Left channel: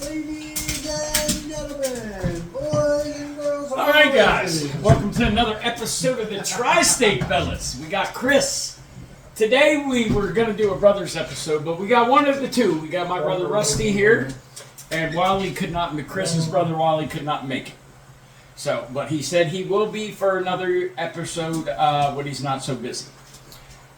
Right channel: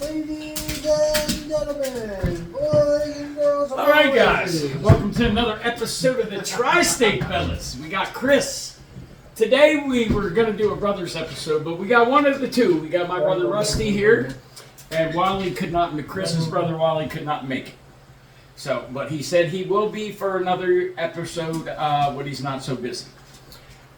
Ladies and gentlemen, boys and girls. All right, guys. Welcome to another episode of the Tri-State Fellas. We got Chris. Today we were going to do a brothers episode, but we got one of the two. We got my brother Rusty here, and Wally could not, Chris's brother Wally could not make it. So, but he said he will be for another episode when he's not so busy.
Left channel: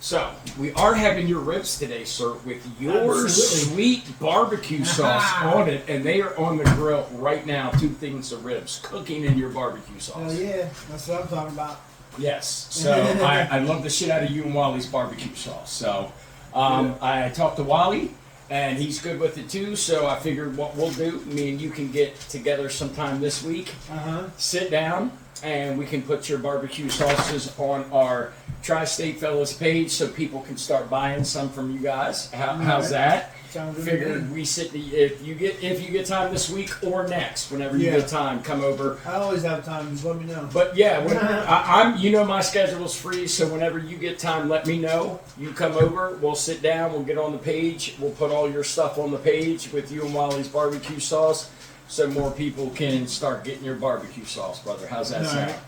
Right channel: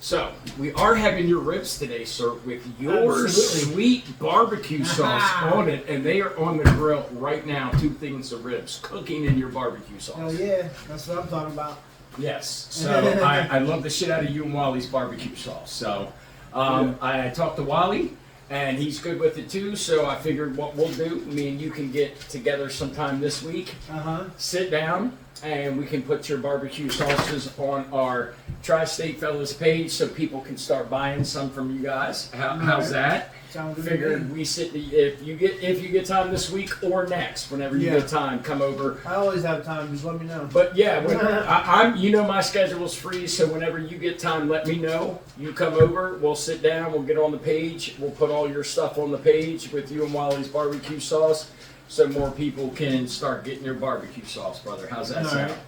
So, we are having your ribs today, sir, with your sweet barbecue sauce on it, and they are on the grill right now. 2 things of ribs cooking in your barbecue sauce. Oh yeah, that's what I'm talking about. Yes, so I love the shit out of you and Wally's barbecue sauce. So, I talked to Wally, and he's good with it too, so I figured what we'll do, me and you can get together sometime this week, sit down, and we can put your barbecue sauces on our Tri-State Fellas page so people can start buying some from you guys. How's that? Sounds good. Figured we sit if you get time this week or next, whenever you get time, come over. I always have time. Just let me know. But yeah, I'm my schedule's free, so whenever you get time, let me know. You come over, we'll sit down, we'll get on the page, we'll put all your stuff on the page with you and Wally's barbecue sauce, so more people can start getting your barbecue sauce, brother. How's that sound? Right.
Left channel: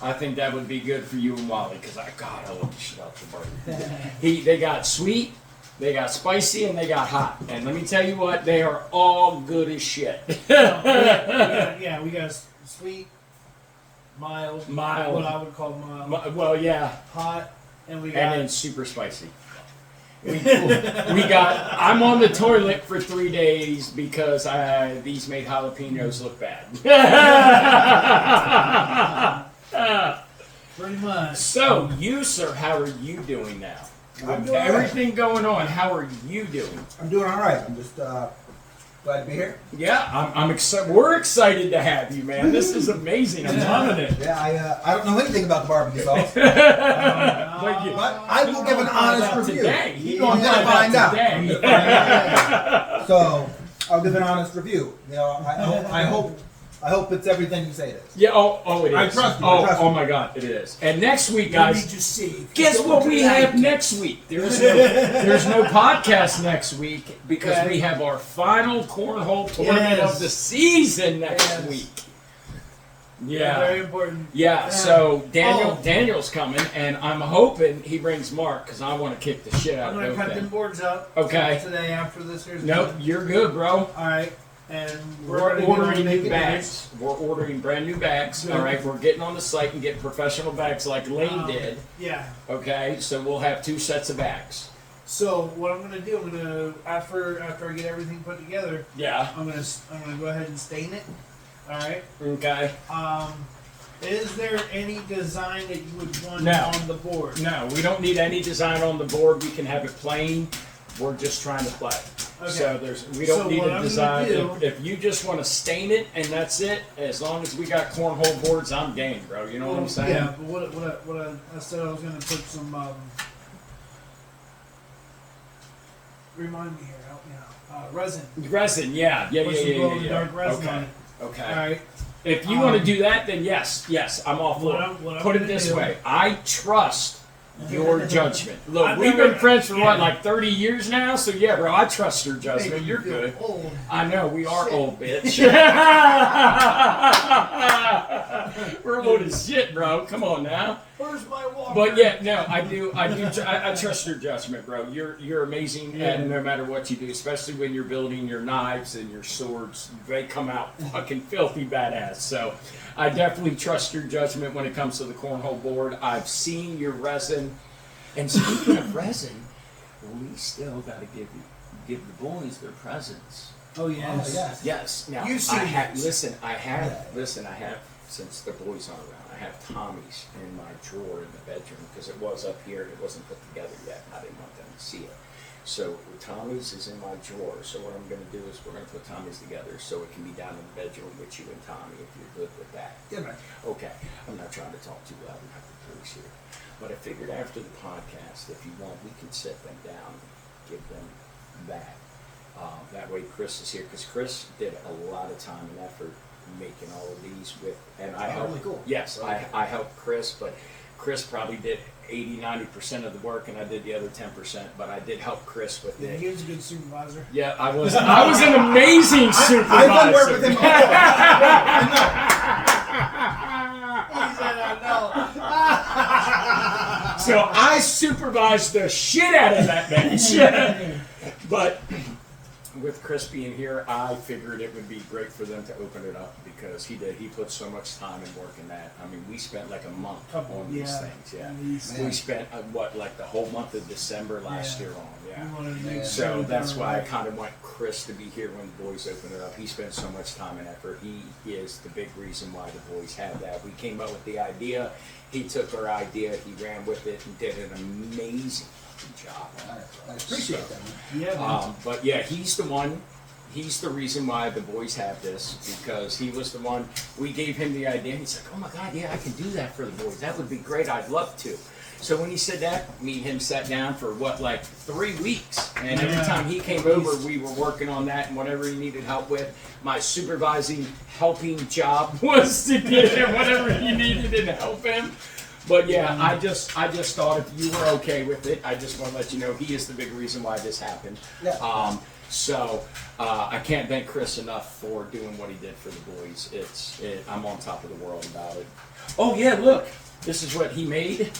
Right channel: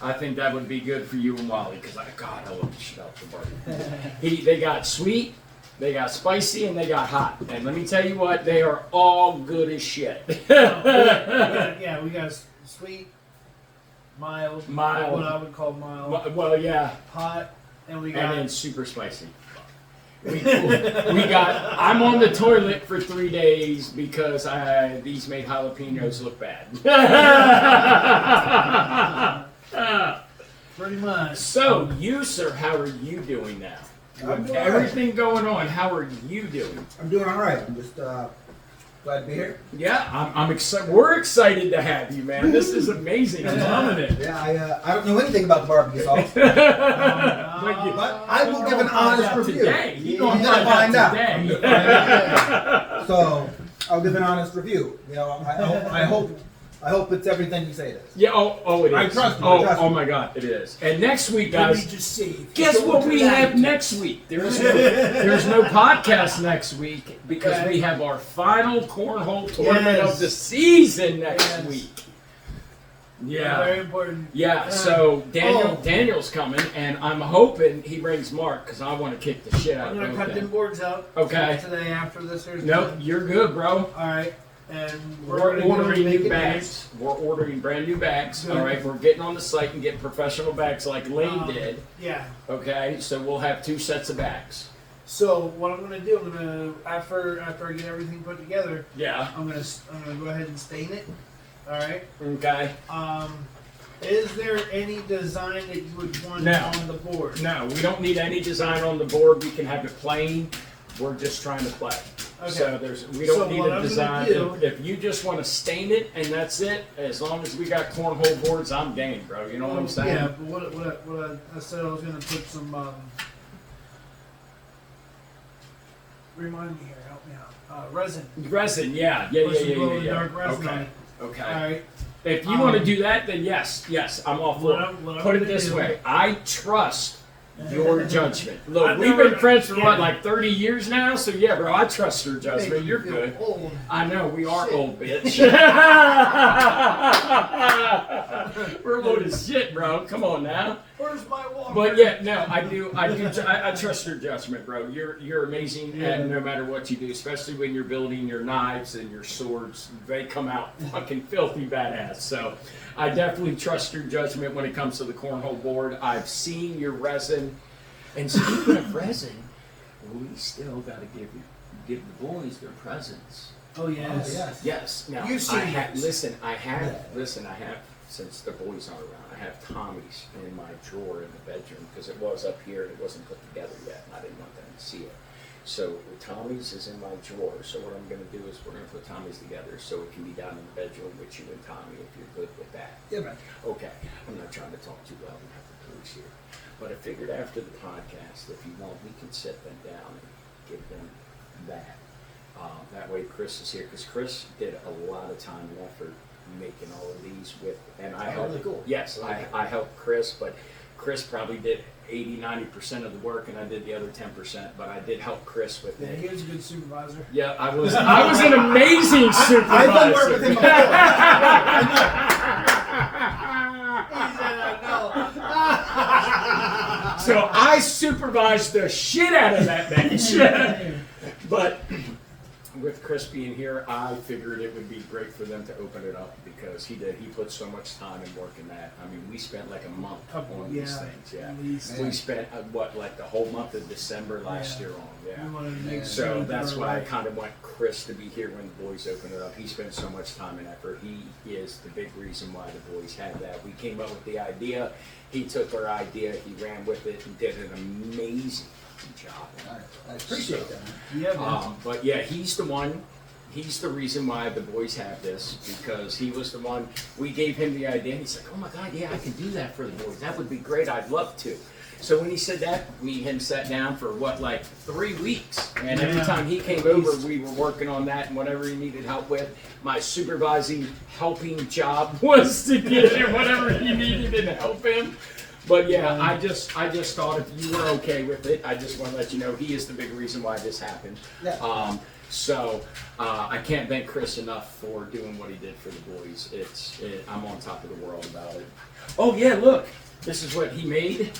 I think that would be good for you and Wally, because I love the shit out the barbecue. They got sweet, they got spicy, and they got hot. And let me tell you what, they are all good as shit. we got sweet, mild, what I would call mild. Well, yeah. Hot, and we got. And then super spicy. We got. I'm on the toilet for 3 days because these made jalapenos look bad. Pretty much. So, you, sir, how are you doing now? I'm doing Everything going on, how are you doing? I'm doing all right. I'm just glad to be here. Yeah, I'm excited. We're excited to have you, man. This is amazing. I'm loving it. Yeah, I don't know anything about the barbecue sauce, But but I will give an honest review. today. I'm gonna find out. Today. So I'll give an honest review. You know, I hope it's everything you say it is. Yeah. Oh, it is. I trust you. Oh my God, it is. And next week, Let me guys. just see. Guess what we have next week? There's no podcast next week because we have our final cornhole tournament of the season next week. Yeah. Very important. Yeah, so Daniel's coming, and I'm hoping he brings Mark because I want to kick the shit out I'm of gonna cut them him. boards out. Okay. Today after this. Nope, you're good, bro. All right. And We're ordering new bags. We're ordering brand new bags. All right, we're getting on the site and getting professional bags like Lane did. Yeah. Okay, so we'll have 2 sets of bags. So what I'm gonna do, after I get everything put together, Yeah. I'm gonna go ahead and stain it. All right. Okay. Is there any design that you would want No. on the board? No, we don't need any design on the board. We can have it plain. We're just trying to play. Okay. So we don't So need what a I'm design. gonna do- If you just want to stain it and that's it, as long as we got cornhole boards, I'm game, bro. You know what I'm saying? Yeah, but what I said I was gonna put some. Remind me here, help me out. Resin. Resin, yeah. Put some glow-in-the-dark resin on Okay. it. Okay. All right. If you want to do that, then yes, I'm all for What it. I'm Put it gonna this do- way. I trust your judgment. Look, I've we've never- been friends for yeah. like 30 years now, so yeah, bro, I trust your judgment. Make You're me feel good. old. I know, we are Shit. old, bitch. We're old as shit, bro. Come on now. Where's my water? But yeah, no, I trust your judgment, bro. You're amazing, and no matter what you do, especially when you're building your knives and your swords, they come out fucking filthy badass. So I definitely trust your judgment when it comes to the cornhole board. I've seen your resin, and speaking of resin, we still got to give the boys their presents. Oh yes. yes. Yes. Now You've seen I have. this. Listen, I have. Since the boys aren't around, I have Tommy's in my drawer in the bedroom because it was up here and it wasn't put together yet, and I didn't want them to see it. So Tommy's is in my drawer. So what I'm going to do is we're going to put Tommy's together so it can be down in the bedroom with you and Tommy if you're good with that. Yeah, man. Okay. I'm not trying to talk too loud and have the police here, but I figured after the podcast, if you want, we can sit them down and give them that. That way Chris is here because Chris did a lot of time and effort making all of these with, and I helped. Really cool. Yes, I helped Chris, but Chris probably did 80-90% of the work, and I did the other 10%. But I did help Chris with Yeah, it. he was a good supervisor. Yeah, I was an amazing supervisor. I've done work with him before. I He said, I know. So I supervised the shit out of that bench. But with Chris being here, I figured it would be great for them to open it up because he put so much time and work in that. I mean, we spent like a month on these things. Yeah, At least. we spent like the whole month of December last year on. We Yeah. wanted to make So sure that's they were why I right. kind of want Chris to be here when the boys open it up. He spent so much time and effort. He is the big reason why the boys have that. We came up with the idea. He took our idea, he ran with it, and did an amazing job. I appreciate that. Yeah, man. But yeah, he's the one. He's the reason why the boys have this because he was the one. We gave him the idea. And he's like, "Oh my God, yeah, I can do that for the boys. That would be great. I'd love to." So when he said that, me and him sat down for like 3 weeks, and every Yeah. time he came over, we were working on that and whatever he needed help with. My supervising, helping job was to get him whatever he needed and help him. But yeah, I just thought if you were okay with it, I just want to let you know he is the big reason why this happened. Yeah. So I can't thank Chris enough for doing what he did for the boys. I'm on top of the world about it. Oh yeah, look, this is what he made.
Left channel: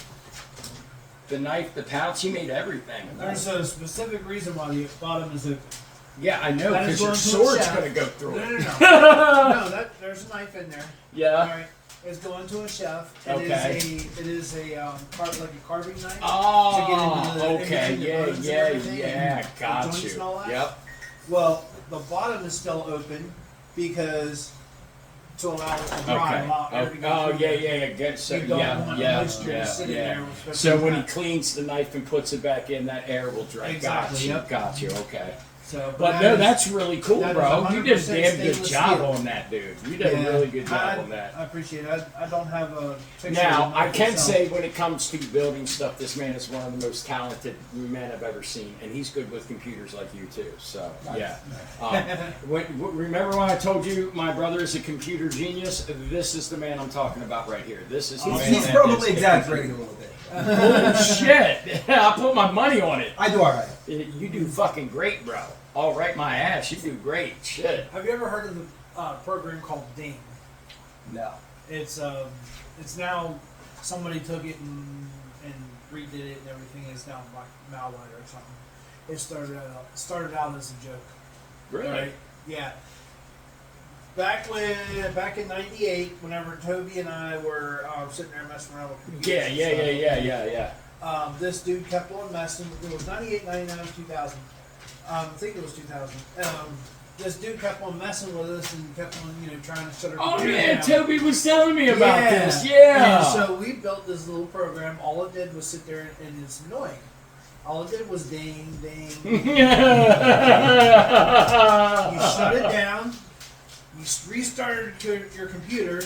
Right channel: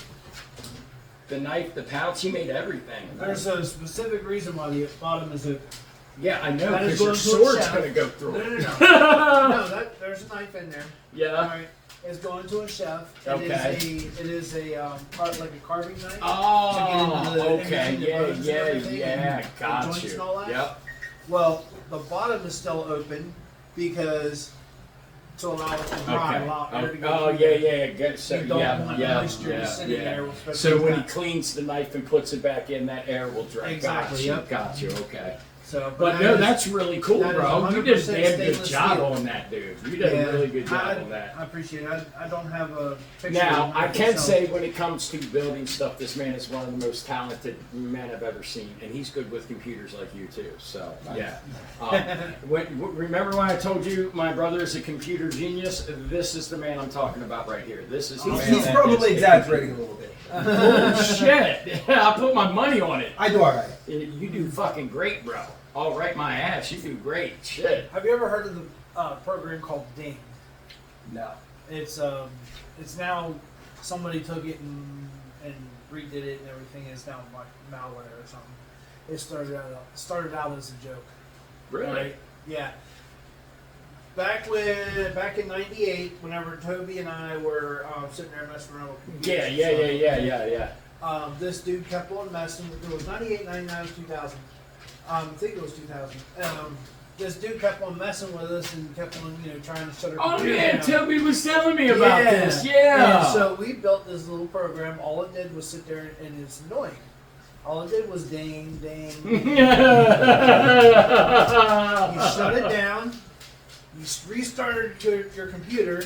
The knife, the pouch, he made everything. There's a specific reason why the bottom is a. Yeah, I know, That is because your going to a sword's shaft. going to go through No, it. no, no. No, there's a knife in there. Yeah. Alright, it's going to a chef. Okay. It is a like a carving knife. Oh, To get into the- okay, into the bones and everything, yeah, the got joints you. and all that. Yep. Well, the bottom is still open because to allow it to dry, Okay. allow air to go Oh, through yeah, there. yeah, get so You don't yeah, want yeah, moisture yeah, to sit in yeah. there, especially So when he that. cleans the knife and puts it back in, that air will dry. Exactly, Got yep. you. Okay. So, But that no, is- that's really cool, that is bro. You did a 100% damn good stainless job steel. on that, dude. You did a really good job on that. I appreciate it. I don't have a picture. Now, of the I knife can itself. say when it comes to building stuff, this man is one of the most talented men I've ever seen, and he's good with computers like you too. So, yeah. Remember when I told you my brother is a computer genius? This is the man I'm talking about right here. This is the man He's that probably is- exaggerating a little bit. Oh shit! I put my money on it. I do all right. You do fucking great, bro. All right, my ass. You do great. Shit. Have you ever heard of the program called Ding? No. It's now somebody took it and redid it and everything. It's now like malware or something. It started out as a joke. Really? Right? Yeah. Back in '98, whenever Toby and I were sitting there messing around with computers. Yeah. This dude kept on messing. It was 98, 99, 2000. I think it was 2000. This dude kept on messing with us and kept on, trying to shut our Oh computer man, down. Toby was telling me about this. Yeah. And so we built this little program. All it did was sit there and it's annoying. All it did was ding, ding. You shut it down. You restarted your computer.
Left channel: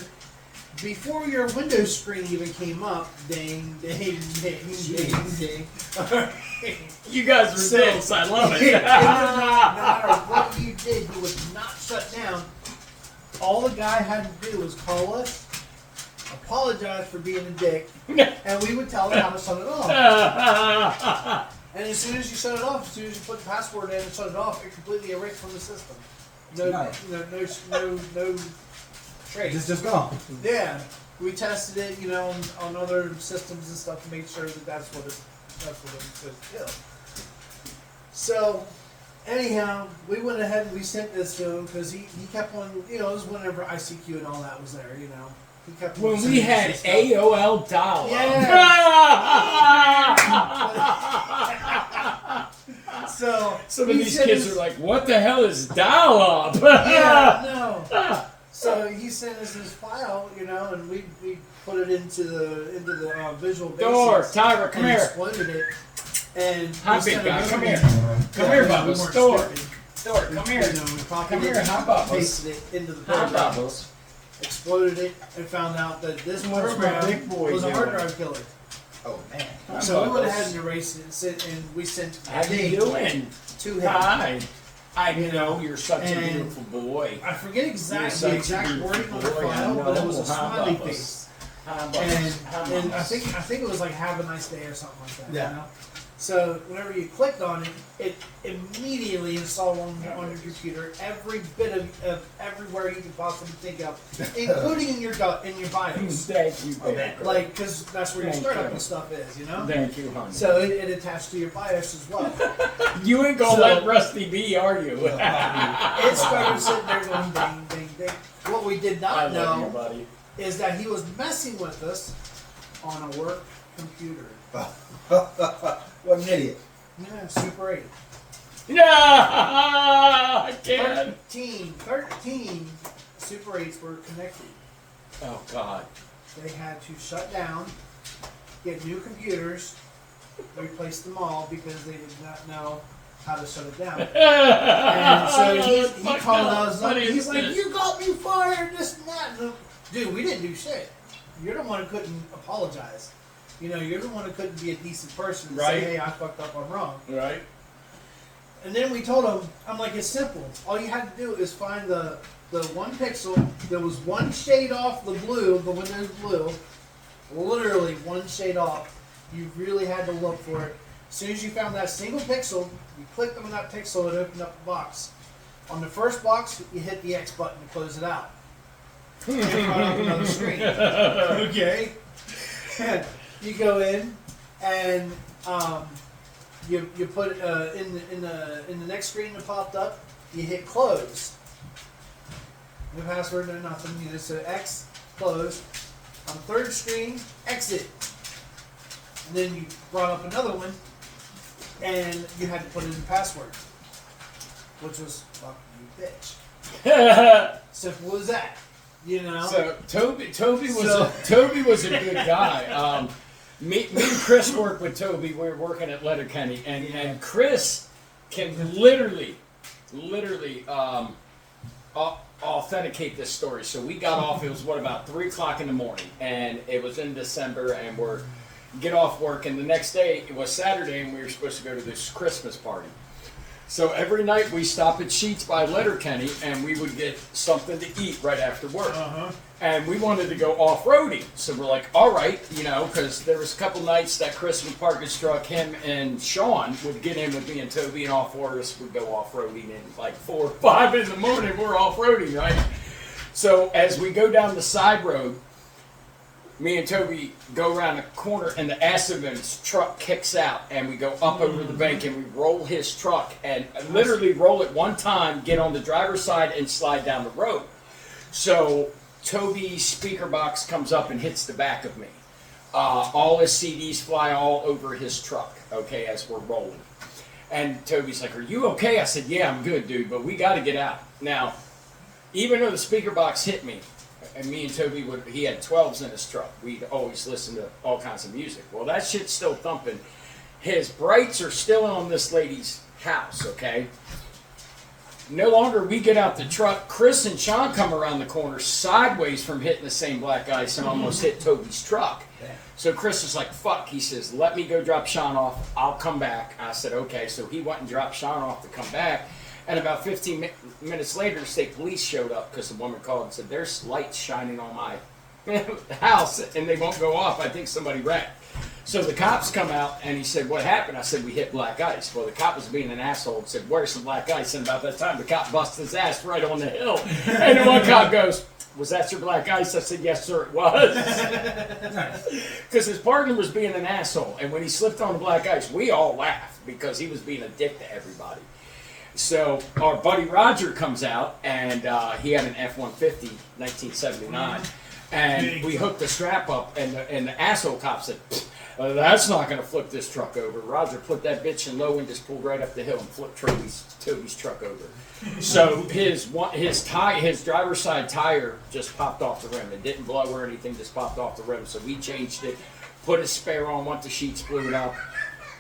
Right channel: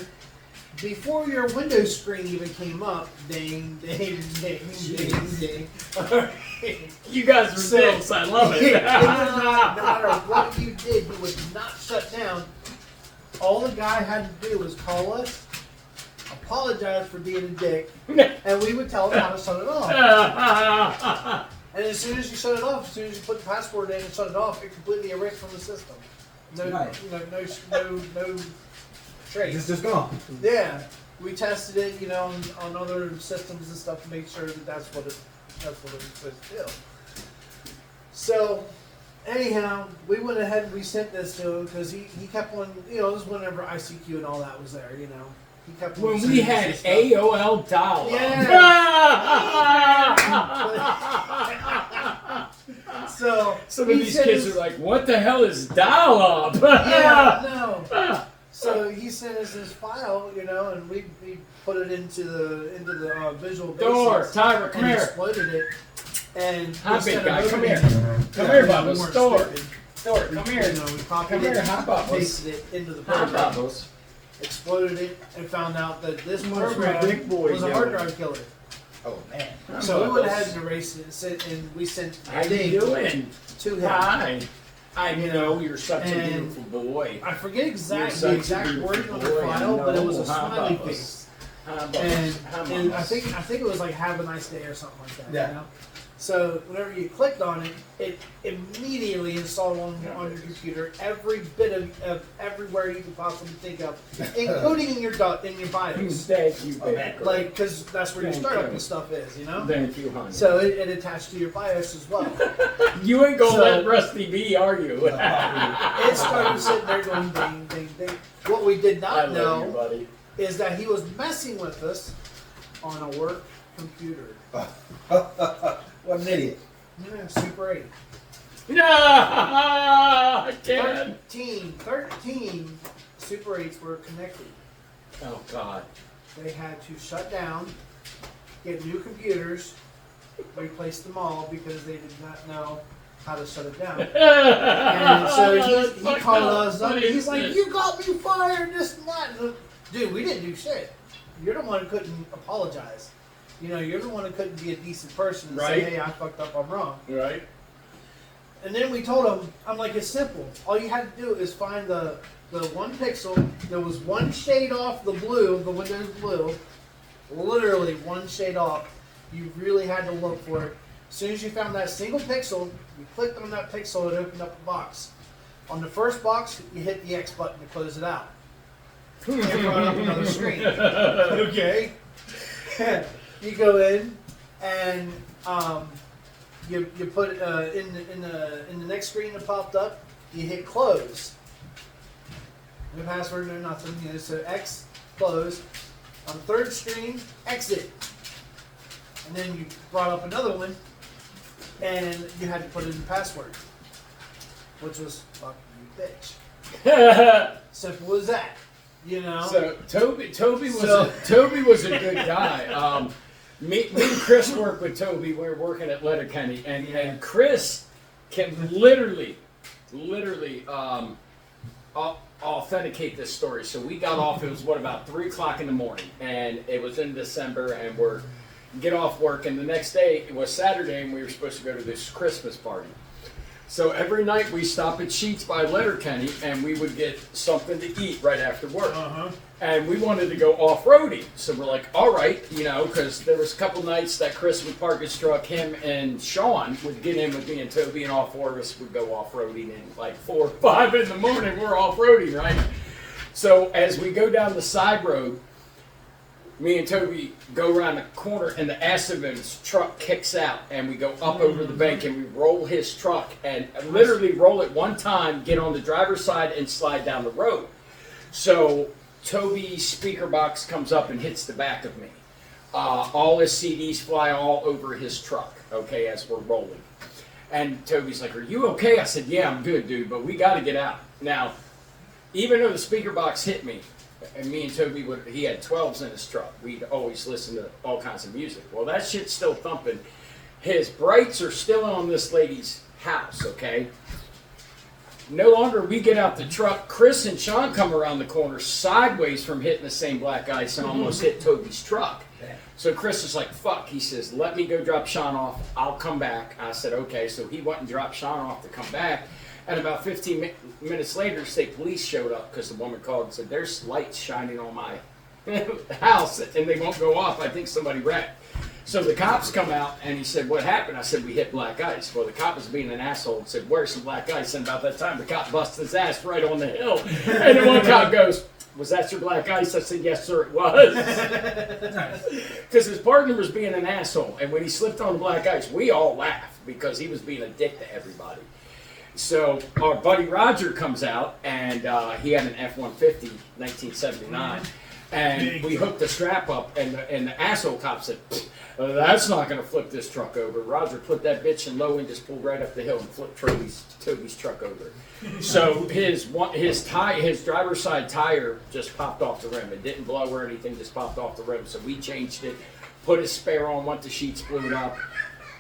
Before your Windows screen even came up, ding, ding, ding, ding, ding. You guys are dicks. I love No it. matter what you did, you would not shut down. All the guy had to do was call us, apologize for being a dick, and we would tell him how to shut it off. And as soon as you shut it off, as soon as you put the password in and shut it off, it completely erased from the system. No, Nice. no trace. It's just gone. Yeah, we tested it, on other systems and stuff to make sure that that's what it says still. So, anyhow, we went ahead and we sent this to him because he kept on, this was whenever ICQ and all that was there, He kept on When we sending us had this stuff. AOL dial-up. So Some of he these sent kids us- are like, "What the hell is dial-up?" Yeah, no. So he sent us this file, and we put it into the Visual Basic. Door, Tyra, come and here. exploited it. And Hi, big instead of guy, come opening here. it- Come here, we Bubbles. weren't Door. stupid. Door, We, come here. we copied Come it, here, hi, Bubbles. pasted it into the Hi, program, Bubbles. exploded it, and found out that this What's my program big boy was a hard doing? drive killer. Oh man. Hi, So we went Bubbles. ahead and erased it, and we sent How you Ding doing? to him. Hi. I know you're such a And- beautiful boy. I forget You're such the a exact beautiful wording on the boy, I file, but it was a know. How smiley about face. And I think it was like "Have a nice day" or something like that. Yeah. You know? So whenever you clicked on it, it immediately installed on your computer every bit of everywhere you could possibly think of, including in your BIOS. Thank you, Oh, baby. Like, because that's where your Thank startup you. and stuff is, you know. Thank you, honey. So it attached to your BIOS as well. You ain't gonna So- let Rusty be, are you? It started sitting there going ding, ding, ding. What we did I not love you, know buddy. is that he was messing with us on a work computer. What an idiot. Yeah, Super 8. No, I can't. 13 Super 8s were connected. Oh God. They had to shut down, get new computers, replace them all because they did not know how to shut it down. And so he called us up and he's like, "You got me fired, this and that." Dude, we didn't do shit. You're the one who couldn't apologize. You know, you're the one who couldn't be a decent person and Right. say, "Hey, I fucked up, I'm wrong." Right. And then we told him, I'm like, it's simple. All you had to do is find the one pixel that was one shade off the blue, the Windows blue, literally one shade off. You really had to look for it. As soon as you found that single pixel, you clicked on that pixel, it opened up the box. On the first box, you hit the X button to close it out. And it brought up another screen. Okay. You go in and you put in the next screen that popped up, you hit close. No password, no nothing. You know, so X close. On the third screen, exit. And then you brought up another one, and you had to put in the password, which was "fuck you, bitch." Simple as that. You know. So Toby was a good guy. Me and Chris worked with Toby. We were working at Letterkenny, and Chris can literally authenticate this story. So we got off. It was about 3 o'clock in the morning, and it was in December, and we're get off work, and the next day it was Saturday, and we were supposed to go to this Christmas party. So every night we stop at Sheets by Letterkenny, and we would get something to eat right after work. And we wanted to go off-roading. So we're like, all right, you know, because there was a couple nights that Chris would park his truck, him and Sean would get in with me and Toby, and all four of us would go off-roading. And like 4 or 5 in the morning, we're off-roading, right? So as we go down the side road, me and Toby go around the corner, and the Asselman's truck kicks out, and we go up over the bank, and we roll his truck, and literally roll it one time, get on the driver's side, and slide down the road. So Toby's speaker box comes up and hits the back of me. All his CDs fly all over his truck, okay, as we're rolling. And Toby's like, "Are you okay?" I said, "Yeah, I'm good, dude, but we got to get out." Now, even though the speaker box hit me, and me and Toby he had 12s in his truck. We'd always listen to all kinds of music. Well, that shit's still thumping. His brights are still on this lady's house, okay? No longer we get out the truck. Chris and Sean come around the corner sideways from hitting the same black ice and almost hit Toby's truck. So Chris is like, "Fuck," he says, "let me go drop Sean off. I'll come back." I said, "Okay." So he went and dropped Sean off to come back. And about 15 minutes later, the state police showed up because the woman called and said, "There's lights shining on my house and they won't go off. I think somebody wrecked." So the cops come out and he said, "What happened?" I said, "We hit black ice." Well, the cop was being an asshole and said, "Where's some black ice?" And about that time, the cop busted his ass right on the hill. And the one cop goes, "Was that your black ice?" I said, "Yes, sir, it was." Because his partner was being an asshole. And when he slipped on the black ice, we all laughed because he was being a dick to everybody. So our buddy Roger comes out, and he had an F-150, 1979, and we hooked the strap up, and the asshole cop said, "That's not going to flip this truck over." Roger put that bitch in low and just pulled right up the hill and flipped Toby's truck over. So his driver's side tire just popped off the rim. It didn't blow or anything, just popped off the rim. So we changed it, put his spare on, went to Sheets, blew it up.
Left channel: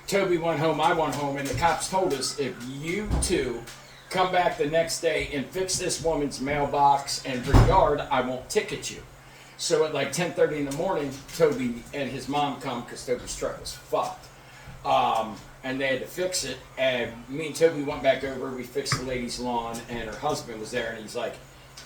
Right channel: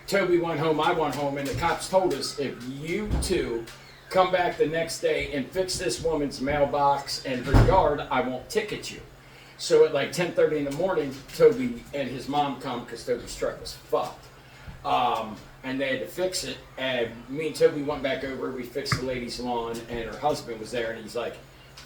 Toby went home, I went home, and the cops told us, "If you two come back the next day and fix this woman's mailbox and her yard, I won't ticket you." So at like 10:30 in the morning, Toby and his mom come because Toby's truck was fucked. And they had to fix it. And me and Toby went back over, we fixed the lady's lawn, and her husband was there, and he's like,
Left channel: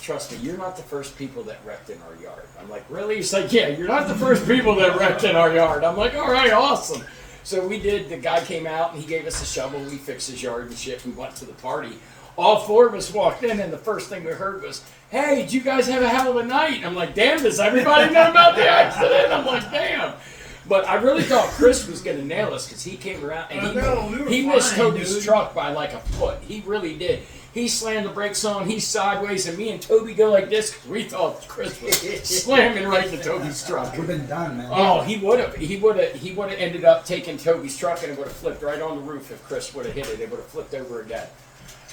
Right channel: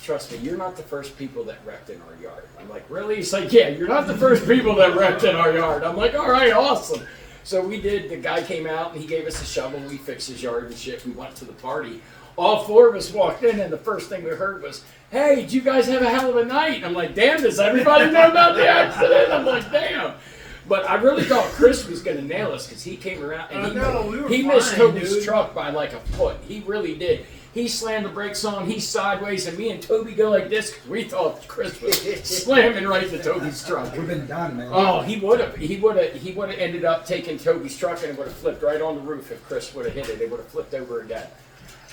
trust me, you're not the first people that wrecked in our yard. I'm like, really? He's like, yeah, you're not the first people that wrecked in our yard. I'm like, all right, awesome. So we did, the guy came out and he gave us a shovel. We fixed his yard and shit. We went to the party. All four of us walked in and the first thing we heard was, hey, did you guys have a hell of a night? I'm like, damn, does everybody know about the accident? I'm like, damn. But I really thought Chris was going to nail us because he came around and he missed Toby's truck by like a foot. He really did. He slammed the brakes on, he's sideways, and me and Toby go like this because we thought Chris was slamming right into Toby's truck. We've been done, man. Oh, he would have ended up taking Toby's truck and it would have flipped right on the roof if Chris would have hit it. It would have flipped over again.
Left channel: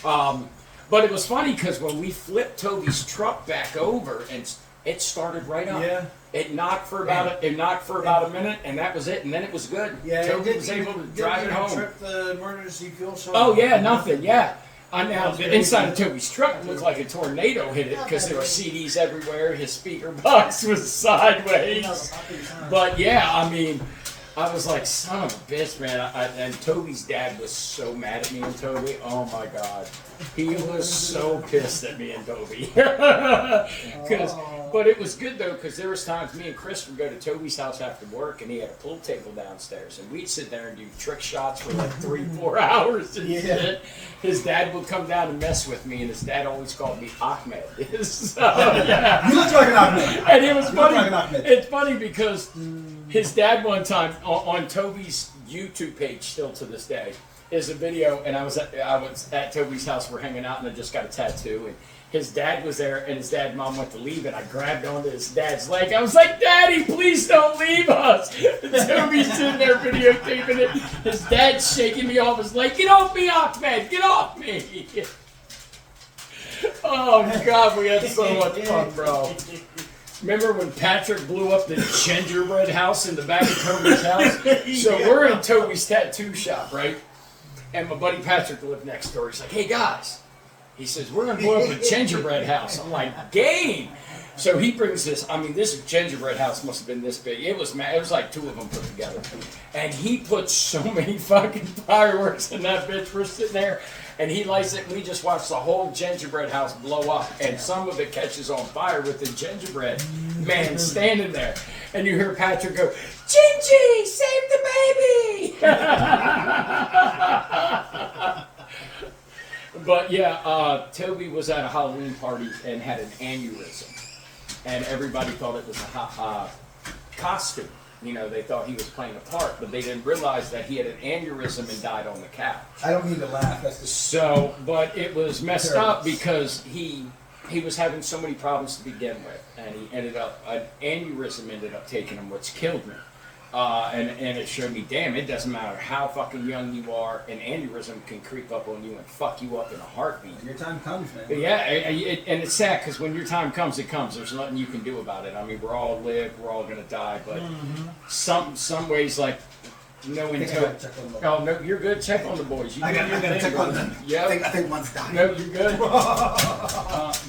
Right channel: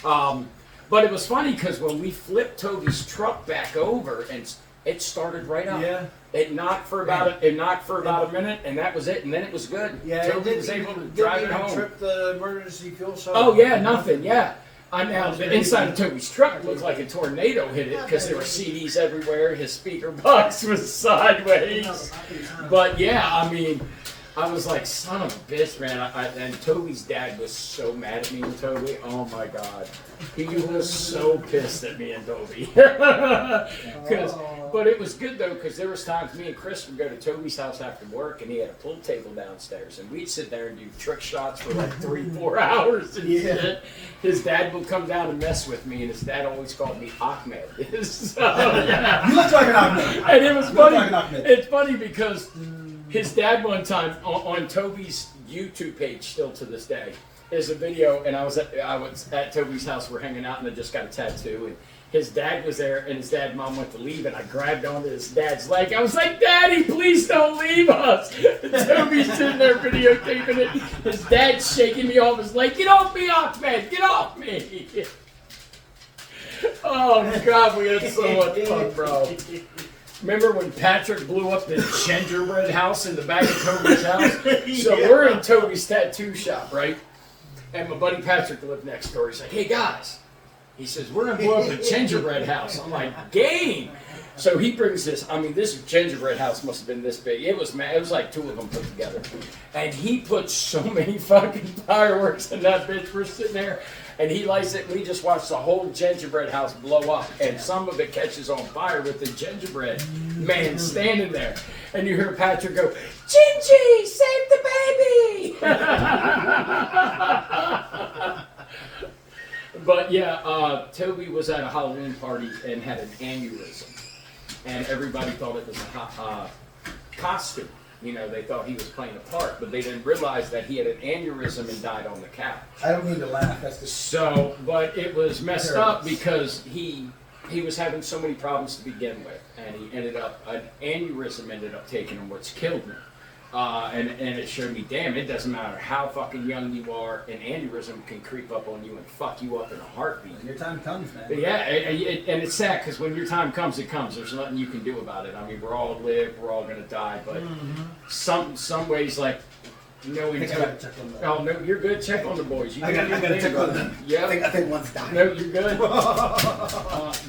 But it was funny because when we flipped Toby's truck back over and it started right up. Yeah. It knocked for about a minute, and that was it. And then it was good. Yeah, Toby was able to drive it home. Trip the emergency fuel shop. Oh yeah, nothing. Yeah. The inside of Toby's truck looked like a tornado hit it because there were CDs everywhere. His speaker box was sideways. But yeah, I mean, I was like, son of a bitch, man. And Toby's dad was so mad at me and Toby. Oh my God. He was so pissed at me and Toby. But it was good though, because there was times me and Chris would go to Toby's house after work and he had a pool table downstairs and we'd sit there and do trick shots for like 3-4 hours and shit. His dad would come down and mess with me and his dad always called me Ahmed. So, yeah. You look like an Ahmed. And it was funny. Like It's funny because his dad one time on Toby's YouTube page still to this day is a video, and I was at Toby's house. We're hanging out, and I just got a tattoo, and his dad was there, and his dad and mom went to leave, and I grabbed onto his dad's leg. I was like, "Daddy, please don't leave us." And Toby's sitting there videotaping it. His dad's shaking me off his leg. Get off me, Ahmed! Get off me! Oh God, we had so much fun, bro. Remember when Patrick blew up the gingerbread house in the back of Toby's house? So we're in Toby's tattoo shop, right? And my buddy Patrick lived next door. He's like, hey guys. He says, we're going to blow up a gingerbread house. I'm like, game. So he brings this, this gingerbread house must have been this big. It was like 2 of them put together. And he put so many fucking fireworks in that bitch. We're sitting there. And he lights it, and we just watched the whole gingerbread house blow up. And some of it catches on fire with the gingerbread man standing there. And you hear Patrick go, Gingy, save the baby! But yeah, Toby was at a Halloween party and had an aneurysm. And everybody thought it was a costume. You know, they thought he was playing a part, but they didn't realize that he had an aneurysm and died on the couch. I don't mean to laugh. That's just so. But it was messed up because he was having so many problems to begin with, and he ended up an aneurysm ended up taking him, which killed me. And it showed me, damn, it doesn't matter how fucking young you are, an aneurysm can creep up on you and fuck you up in a heartbeat. When your time comes, man. But yeah, and it's sad because when your time comes, it comes. There's nothing you can do about it. I mean, we're all gonna die, but some ways, like, you know, oh no, you're good. Check on the boys. I gotta check on them. Yeah, I think one's dying. No, you're good.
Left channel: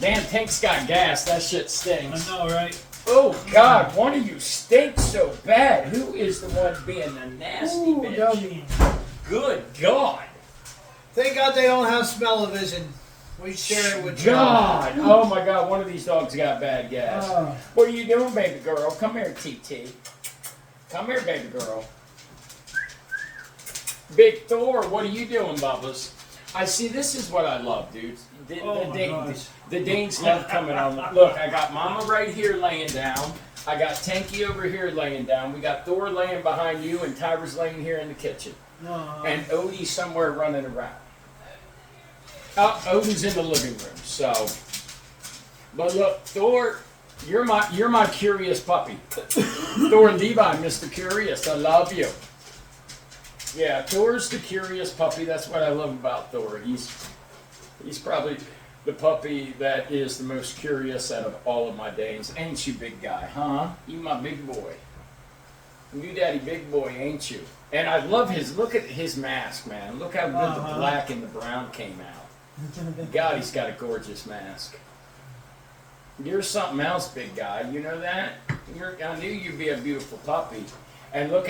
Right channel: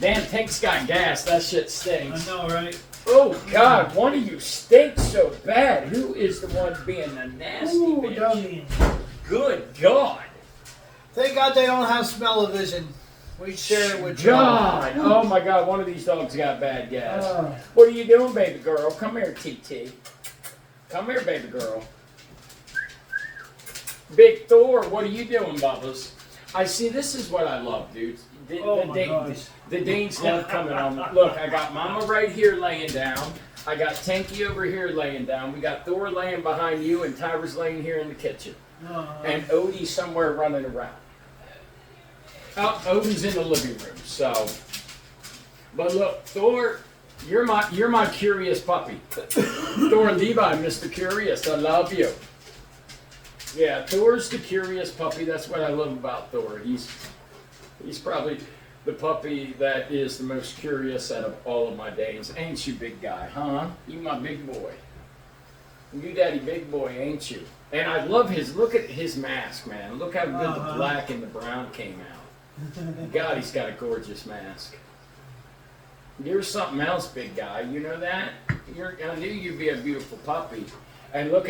Dan Tank's got gas. That shit stinks. I know, right? Oh God, one of you stinks so bad. Who is the one being the nasty bitch? Good God. Thank God they don't have smell-o-vision. We share it with God. Oh my God, one of these dogs got bad gas. What are you doing, baby girl? Come here, TT. Come here, baby girl. Big Thor, what are you doing, Bubba's? I see, this is what I love, dude. The Danes love coming on. Look, I got Mama right here laying down. I got Tanky over here laying down. We got Thor laying behind you, and Tyra's laying here in the kitchen. And Odie's somewhere running around. Odin's in the living room, so. But look, Thor, you're my curious puppy. Thor Levi, Mr. Curious, I love you. Yeah, Thor's the curious puppy. That's what I love about Thor. He's probably the puppy that is the most curious out of all of my Danes. Ain't you, big guy, huh? You my big boy. You daddy big boy, ain't you? And I love look at his mask, man. Look how good the black and the brown came out. God, he's got a gorgeous mask. You're something else, big guy. You know that? I knew you'd be a beautiful puppy. And look,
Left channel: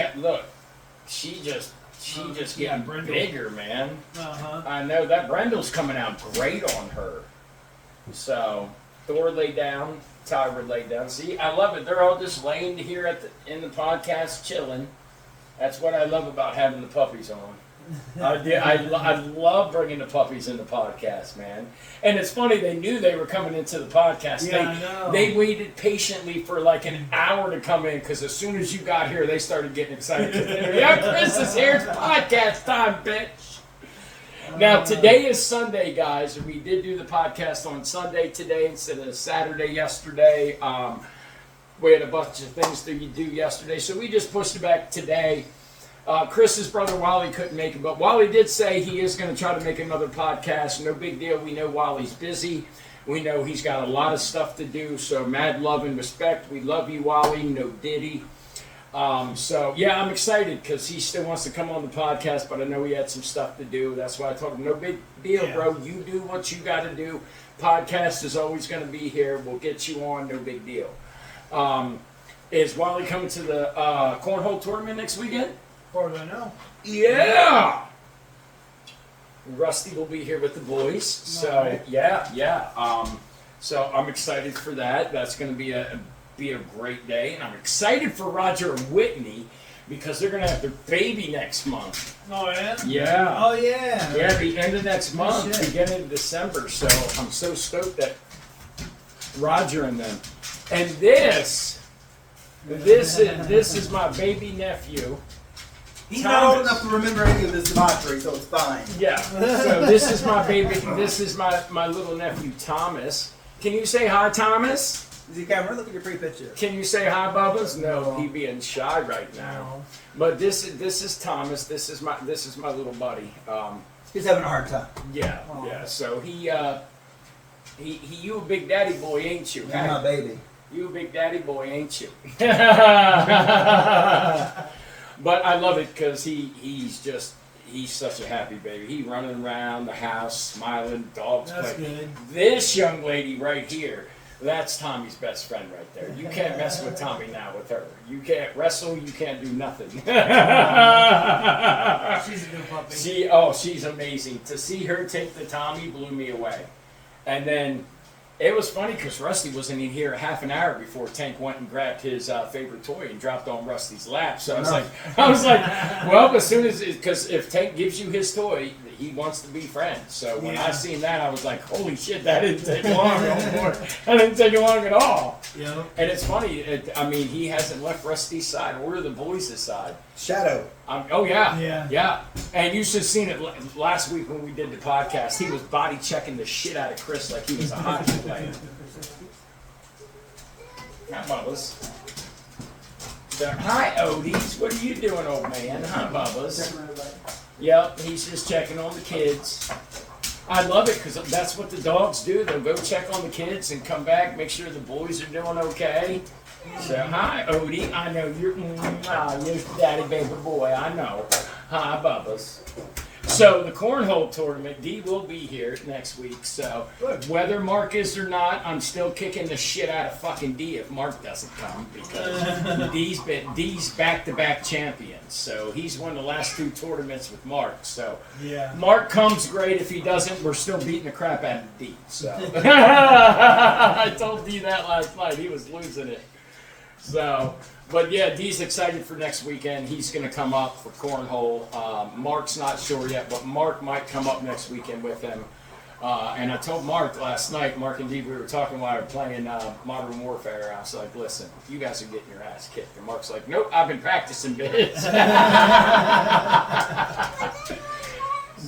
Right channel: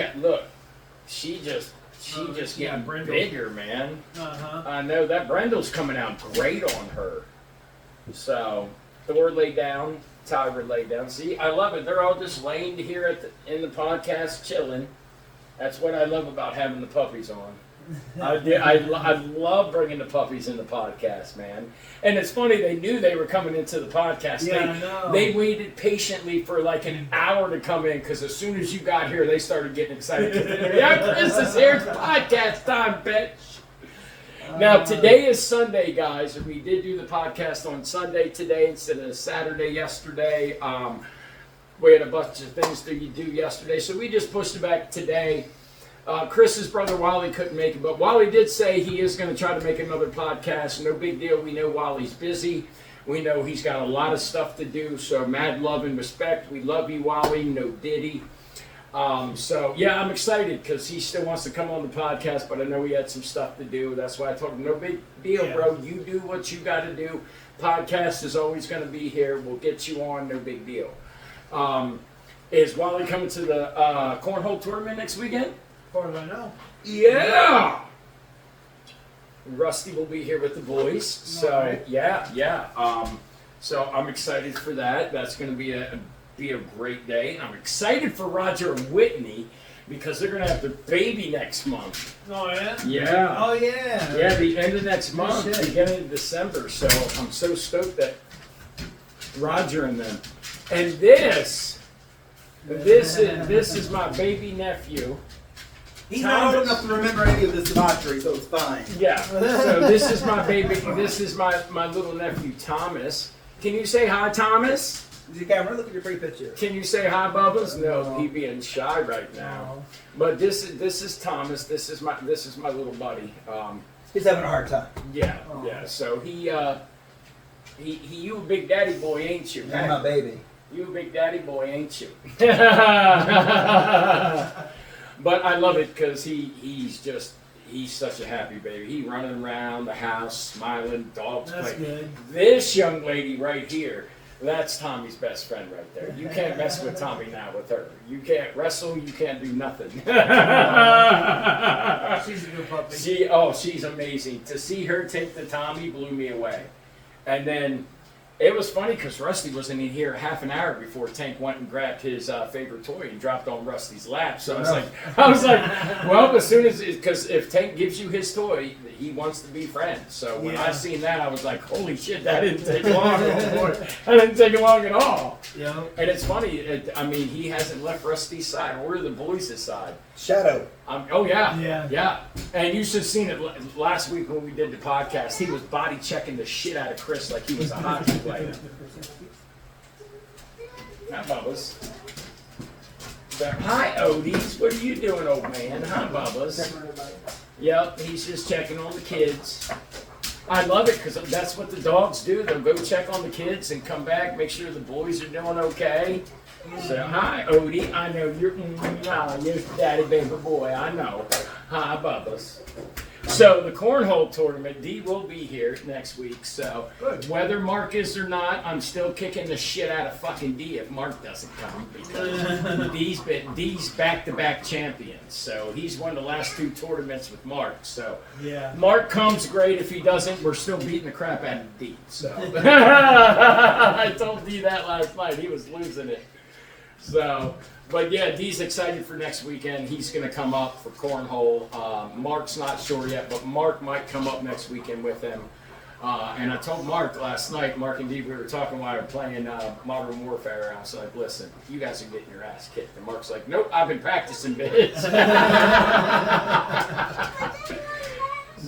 she just getting bigger, man. I know that Brendel's coming out great on her. So, Thor laid down. Tyra laid down. See, I love it. They're all just laying here in the podcast, chilling. That's what I love about having the puppies on. I love bringing the puppies in the podcast, man. And it's funny, they knew they were coming into the podcast. Yeah, I know. They waited patiently for like an hour to come in because as soon as you got here, they started getting excited. Yeah, Chris is here. It's podcast time, bitch. Now, today is Sunday, guys, and we did do the podcast on Sunday today instead of Saturday yesterday. We had a bunch of things to do yesterday, so we just pushed it back today. Chris's brother Wally couldn't make it, but Wally did say he is going to try to make another podcast. No big deal. We know Wally's busy. We know he's got a lot of stuff to do, so mad love and respect. We love you, Wally. No Diddy. So, yeah, I'm excited because he still wants to come on the podcast, but I know he had some stuff to do. That's why I told him, no big deal, bro. You do what you got to do. Podcast is always going to be here. We'll get you on. No big deal. Is Wally coming to the cornhole tournament next weekend? As far as I know. Yeah! Rusty will be here with the boys. So, Alright. yeah. So I'm excited for that. That's going to be a great day. I'm excited for Roger and Whitney because they're going to have their baby next month. Oh, yeah? Yeah. Oh, yeah. Yeah, the end of next month, shit. beginning of December. So I'm so stoked that Roger and them. And this is my baby nephew. He's not old enough to remember any of this debauchery, so it's fine. Yeah. So this is my baby. This is my little nephew Thomas. Can you say hi, Thomas? Is the camera? Look at your pretty picture. Can you say hi, Bubba's? No, he being shy right now. But this is Thomas. This is my little buddy. He's having a hard time. Yeah. So he you a big daddy boy, ain't you? He's my baby. You a big daddy boy, ain't you? But I love it because he's such a happy baby. He running around the house, smiling, dogs That's playing. good. This young lady right here, that's Tommy's best friend right there. You can't mess with Tommy now with her. You can't wrestle. You can't do nothing. She's a good puppy. She's amazing. To see her take the Tommy blew me away. And then it was funny because Rusty wasn't in here a half an hour before Tank went and grabbed his favorite toy and dropped on Rusty's lap. So I was like, well, as soon as, because if Tank gives you his toy, he wants to be friends. So when I seen that, I was like, holy shit, that didn't take long. That didn't take long at all. Yeah. And it's funny, he hasn't left Rusty's side or the boys' side. Shadow. Yeah. And you should have seen it last week when we did the podcast. He was body checking the shit out of Chris like he was a hockey player. Hi, Bubba's. Hi, Odies. What are you doing, old man? Hi, Bubba's. Yep, he's just checking on the kids. I love it because that's what the dogs do. They'll go check on the kids and come back, make sure the boys are doing okay. So, hi, Odie. I know you're daddy baby boy. I know. Hi, Bubba's. So, the cornhole tournament, D will be here next week. So, whether Mark is or not, I'm still kicking the shit out of fucking D if Mark doesn't come because D's back-to-back champions. So, he's won the last 2 tournaments with Mark. So, Mark comes great. If he doesn't, we're still beating the crap out of D. So, I told D that last night. He was losing it. So, but yeah, D's excited for next weekend. He's going to come up for cornhole. Mark's not sure yet, but Mark might come up next weekend with him. And I told Mark last night, Mark and D, we were talking while we were playing Modern Warfare. I was like, listen, you guys are getting your ass kicked. And Mark's like, nope, I've been practicing, bitch.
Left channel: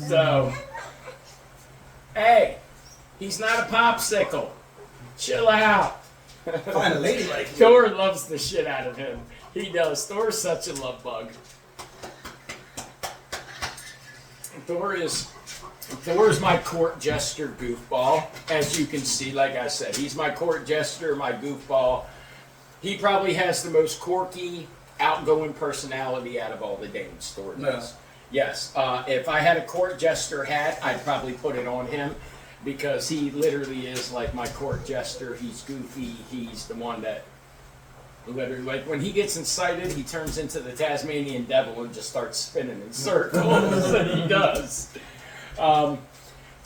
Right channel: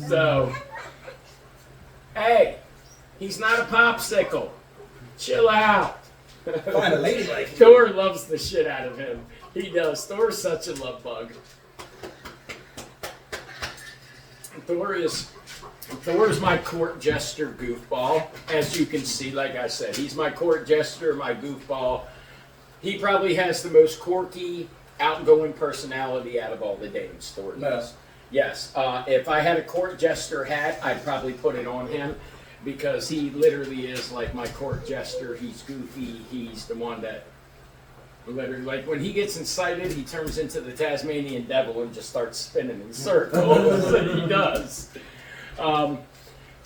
So, hey, he's not a popsicle. Chill out. Find a lady like you. Thor loves the shit out of him. He does. Thor's such a love bug. Thor is my court jester goofball. As you can see, like I said, he's my court jester, my goofball. He probably has the most quirky, outgoing personality out of all the dames. Thor does. Yes. If I had a court jester hat, I'd probably put it on him. Because he literally is like my court jester. He's goofy. He's the one that literally, like when he gets incited, he turns into the Tasmanian devil and just starts spinning in circles. And he does.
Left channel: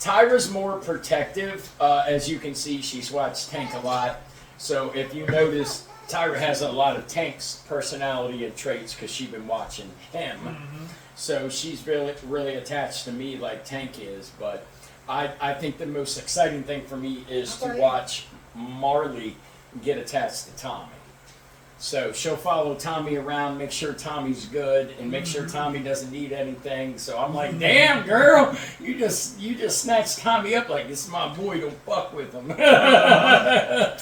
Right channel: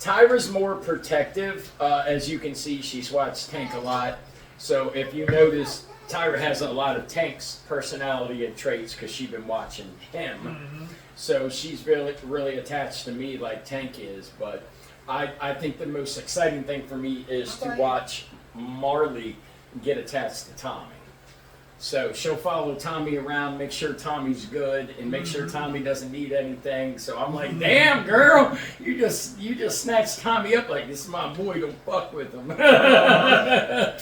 Tyra's more protective. As you can see, she's watched Tank a lot. So if you notice, Tyra has a lot of Tank's personality and traits because she's been watching him. Mm-hmm. So she's really attached to me like Tank is. But I think the most exciting thing for me is to watch Marley get attached to Tommy. So she'll follow Tommy around, make sure Tommy's good, and make sure Tommy doesn't need anything. So I'm like, damn girl, you just snatched Tommy up like this is my boy, don't fuck with him. And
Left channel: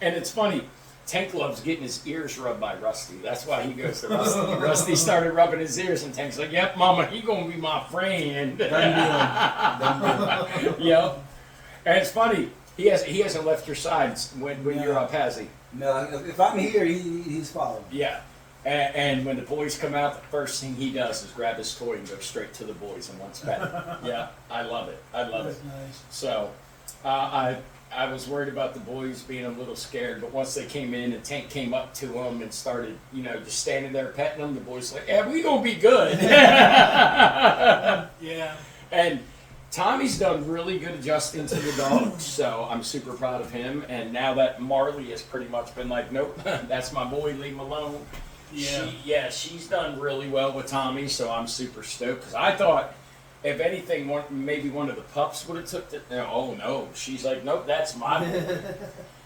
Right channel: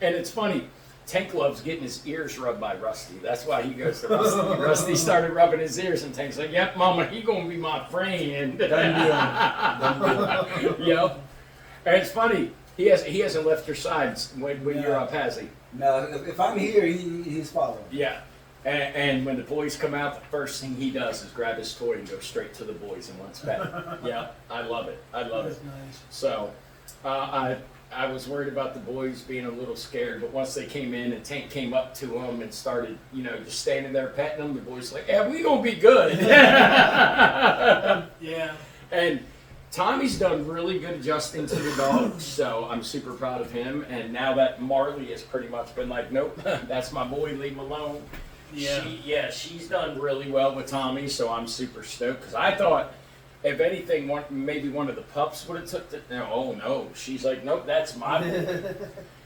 it's funny, Tank loves getting his ears rubbed by Rusty. That's why he goes to Rusty. Rusty started rubbing his ears, and Tank's like, yep, mama, he gonna be my friend. Yep. And it's funny, he hasn't left your sides when you're up, has he? No, if I'm here, he's following. Yeah. And when the boys come out, the first thing he does is grab his toy and go straight to the boys and wants pet. Yeah, I love it. I love it. Nice. So, I was worried about the boys being a little scared, but once they came in and Tank came up to them and started, just standing there petting them, the boys like, yeah, we gonna be good. Yeah. And Tommy's done really good adjusting to the dog, so I'm super proud of him. And now that Marley has pretty much been like, nope, that's my boy, leave him alone. Yeah. She's done really well with Tommy, so I'm super stoked. Because I thought, if anything, maybe one of the pups would have took the. Oh no, she's like, nope, that's my boy.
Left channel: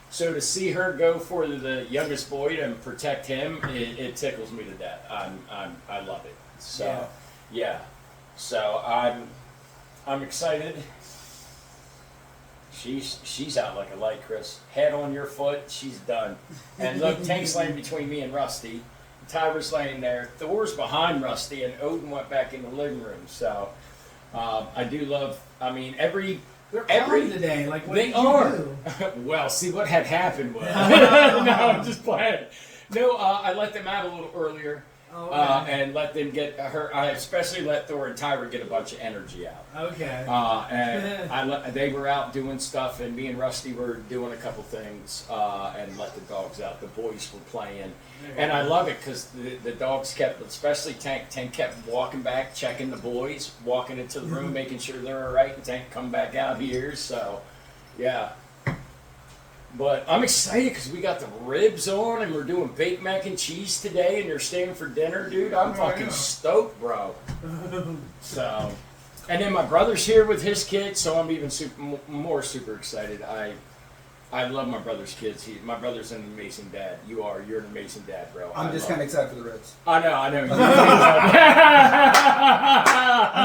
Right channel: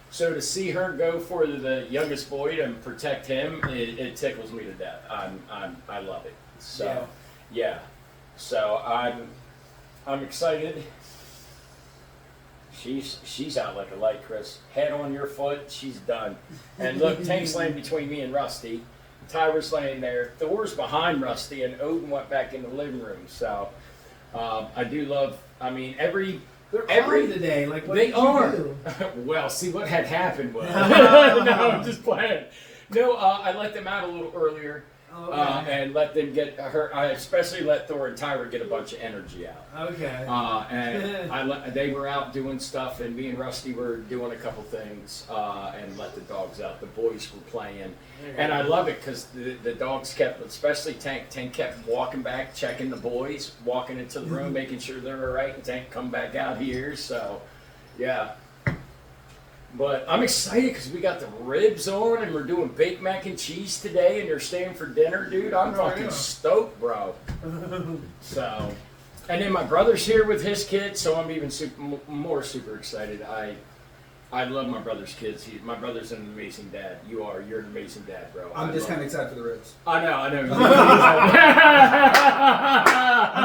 So to see her go for the youngest boy and protect him, it tickles me to death. I love it. So yeah. So I'm excited. She's out like a light, Chris. Head on your foot, she's done. And look, Tank's laying between me and Rusty. Tyra's laying there. Thor's behind Rusty, and Odin went back in the living room. So I do love. I mean, They're calm today. Like, what they did you are. do? Well, see what had happened was. No, I'm just playing. No, I let them out a little earlier. Okay. And let them get her. I especially let Thor and Tyra get a bunch of energy out. Okay. And they were out doing stuff, and me and Rusty were doing a couple things, and let the dogs out. The boys were playing, and I love it because the dogs kept, especially Tank. Tank kept walking back, checking the boys, walking into the room, making sure they're all right, and Tank come back out here. So, yeah. But I'm excited because we got the ribs on and we're doing baked mac and cheese today and they're staying for dinner, dude. I'm fucking stoked, bro. So, and then my brother's here with his kids, so I'm even more super excited. I love my brother's kids. My brother's an amazing dad. You're an amazing dad, bro. I'm just kind of excited for the ribs. I know. I'm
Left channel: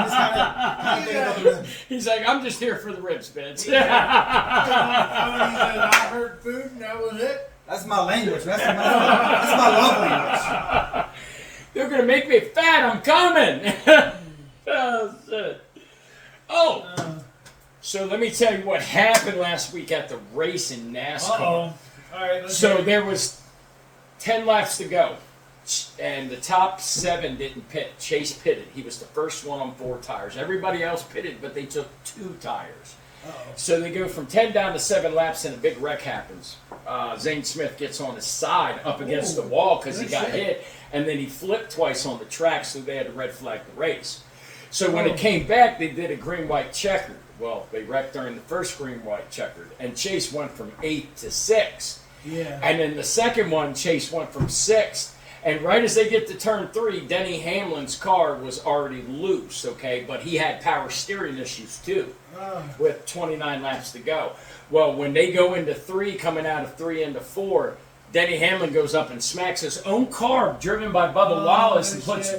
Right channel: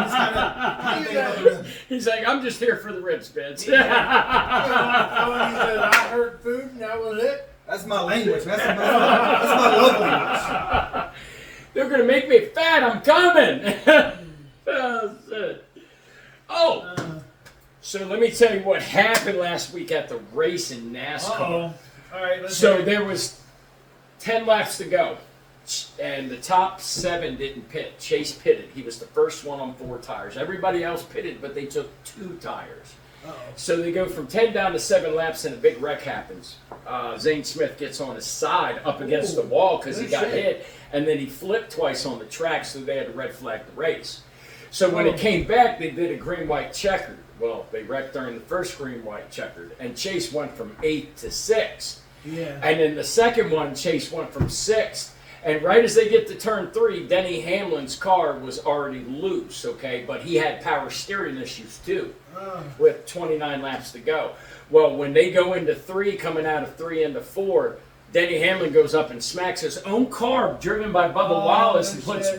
just kind of thinking about the ribs. He's like, I'm just here for the ribs, bitch. He said, I heard food and that was it. That's my language. That's my love language. They're gonna make me fat. I'm coming. Oh, shit. So let me tell you what happened last week at the race in NASCAR. All right. Let's So hear it. there was 10 laps to go, and the top 7 didn't pit. Chase pitted. He was the first one on 4 tires. Everybody else pitted, but they took 2 tires. So they go from 10 down to 7 laps, and a big wreck happens. Zane Smith gets on his side up against the wall because he got hit, and then he flipped twice on the track, so they had to red flag the race. So when it came back, they did a green-white checkered. Well, they wrecked during the first green-white checkered, and Chase went from 8th to 6th. Yeah. And then the second one, Chase went from 6th. And right as they get to turn 3, Denny Hamlin's car was already loose, okay? But he had power steering issues too, with 29 laps to go. Well, when they go into 3, coming out of 3 into 4, Denny Hamlin goes up and smacks his own car, driven by Bubba Wallace, and puts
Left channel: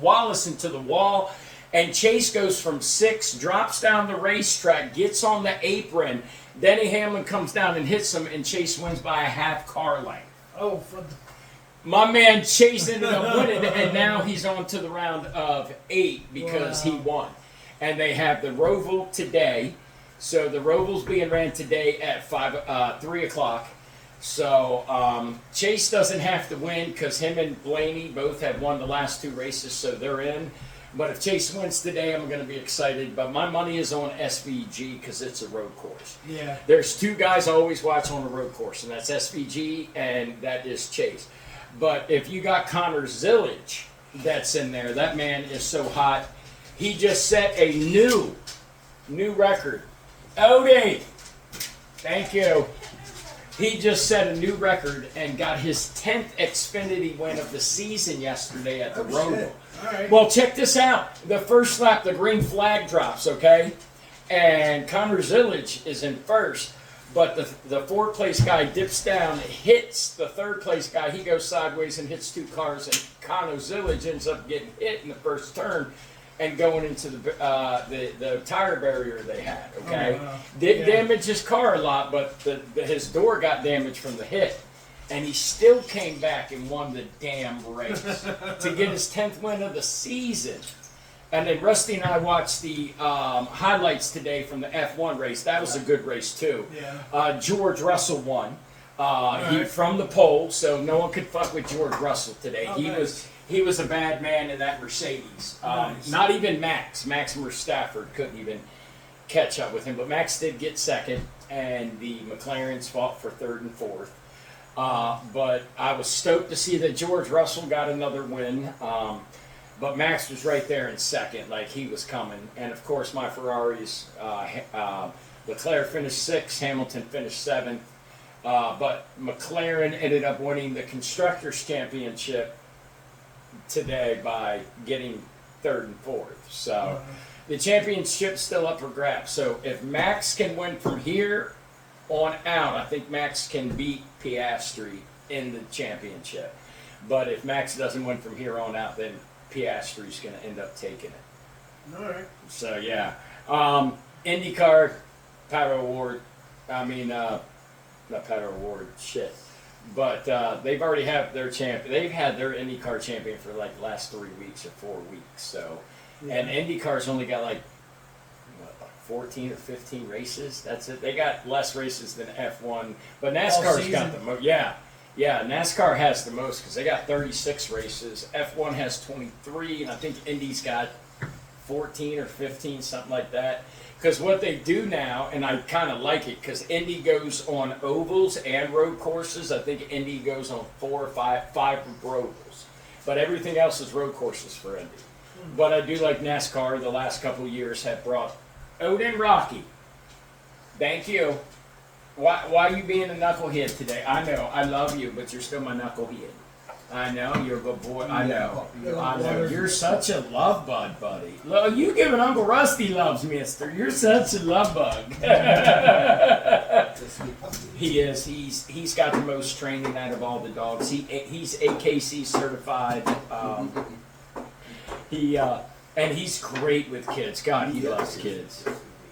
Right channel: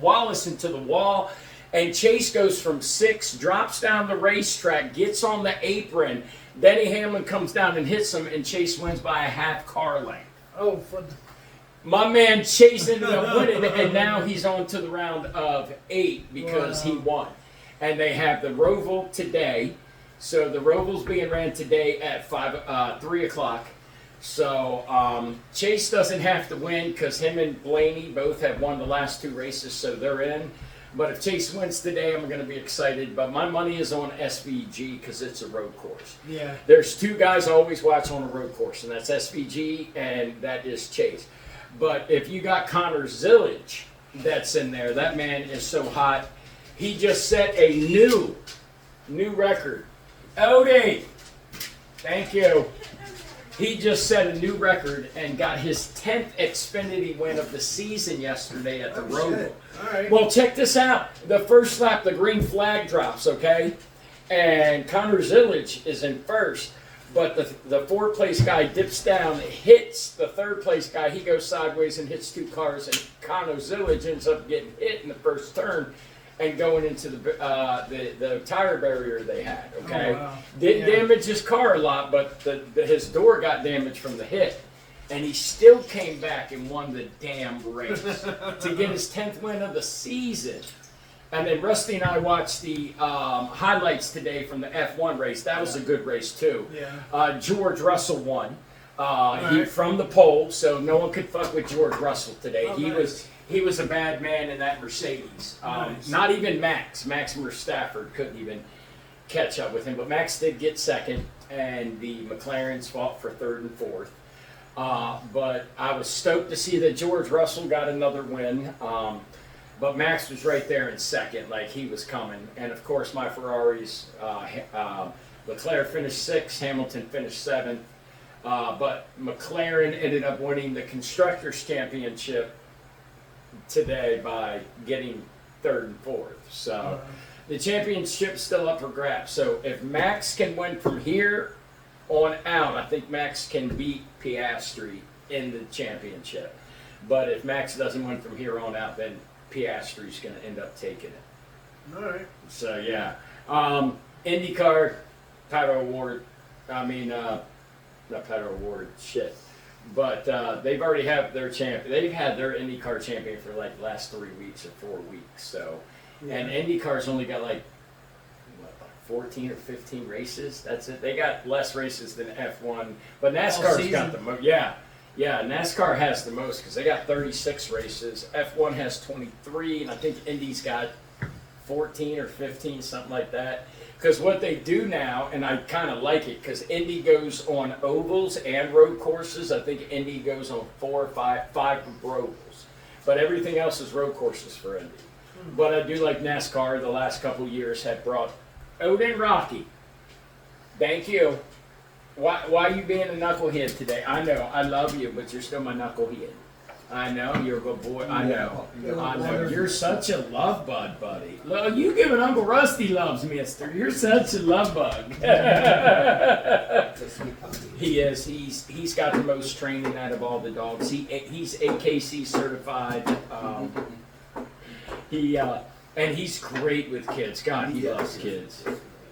Wallace into the wall. And Chase goes from 6, drops down the racetrack, gets on the apron. Denny Hamlin comes down and hits him, and Chase wins by a half car length. My man Chase ended up winning, and now he's on to the round of 8 because he won. And they have the Roval today. So the Roval's being ran today at 3 o'clock. So Chase doesn't have to win because him and Blaney both have won the last 2 races, so they're in. But if Chase wins today, I'm going to be excited. But my money is on SVG because it's a road course. Yeah. There's 2 guys I always watch on a road course, and that's SVG and that is Chase. But if you got Connor Zillage that's in there, that man is so hot. He just set a New record. Odie! Thank you. He just set a new record and got his 10th Xfinity win of the season yesterday at the Roval. All right. Well, check this out. The first lap, the green flag drops, okay? And Connor Zillage is in first. But the fourth place guy dips down, hits the third place guy. He goes sideways and hits two cars, and Connor Zillage ends up getting hit in the first turn and going into the tire barrier they had. Okay, Oh, wow. didn't Yeah. damage his car a lot, but his door got damaged from the hit, and he still came back and won the damn race to get his 10th win of the season. And then Rusty and I watched the highlights today from the F1 race. That was a good race too. Yeah. George Russell won. He right. from the pole, so no one could fuck with George Russell today. Oh, he nice. was a bad man in that Mercedes. Nice. Not even Max Stafford couldn't even catch up with him. But Max did get second, and the McLarens fought for third and fourth. But I was stoked to see that George Russell got another win. But Max was right there in second, like he was coming. And of course, my Ferraris, Leclerc finished sixth, Hamilton finished seventh. But McLaren ended up winning the Constructors' Championship today by getting third and fourth. So the championship's still up for grabs. So if Max can win from here on out, I think Max can beat Piastri in the championship. But if Max doesn't win from here on out, then Piastri's going to end up taking it. All right. So yeah, IndyCar, Pato Award. I mean, not Pato Award. Shit. But they've already have their champion. They've had their IndyCar champion for like last 3 weeks or 4 weeks. So, and IndyCar's only got like what, 14 or 15 races. That's it. They got less races than F1, but NASCAR's got the most. Yeah. Yeah, NASCAR has the most because they got 36 races. F1 has 23, and I think Indy's got 14 or 15, something like that. Because what they do now, and I kind of like it, because Indy goes on ovals and road courses. I think Indy goes on 4 or 5 ovals. But everything else is road courses for Indy. But I do like NASCAR. The last couple years have brought Odin Rocky. Thank you. Why are you being a knucklehead today? I know, I love you, but you're still my knucklehead. I know, you're a good boy. I know. I know. You're such a love bug, buddy. Well, you giving Uncle Rusty loves, mister. You're such a love bug. He is. He's got the most training out of all the dogs. He's AKC certified. And he's great with kids. God, he loves kids.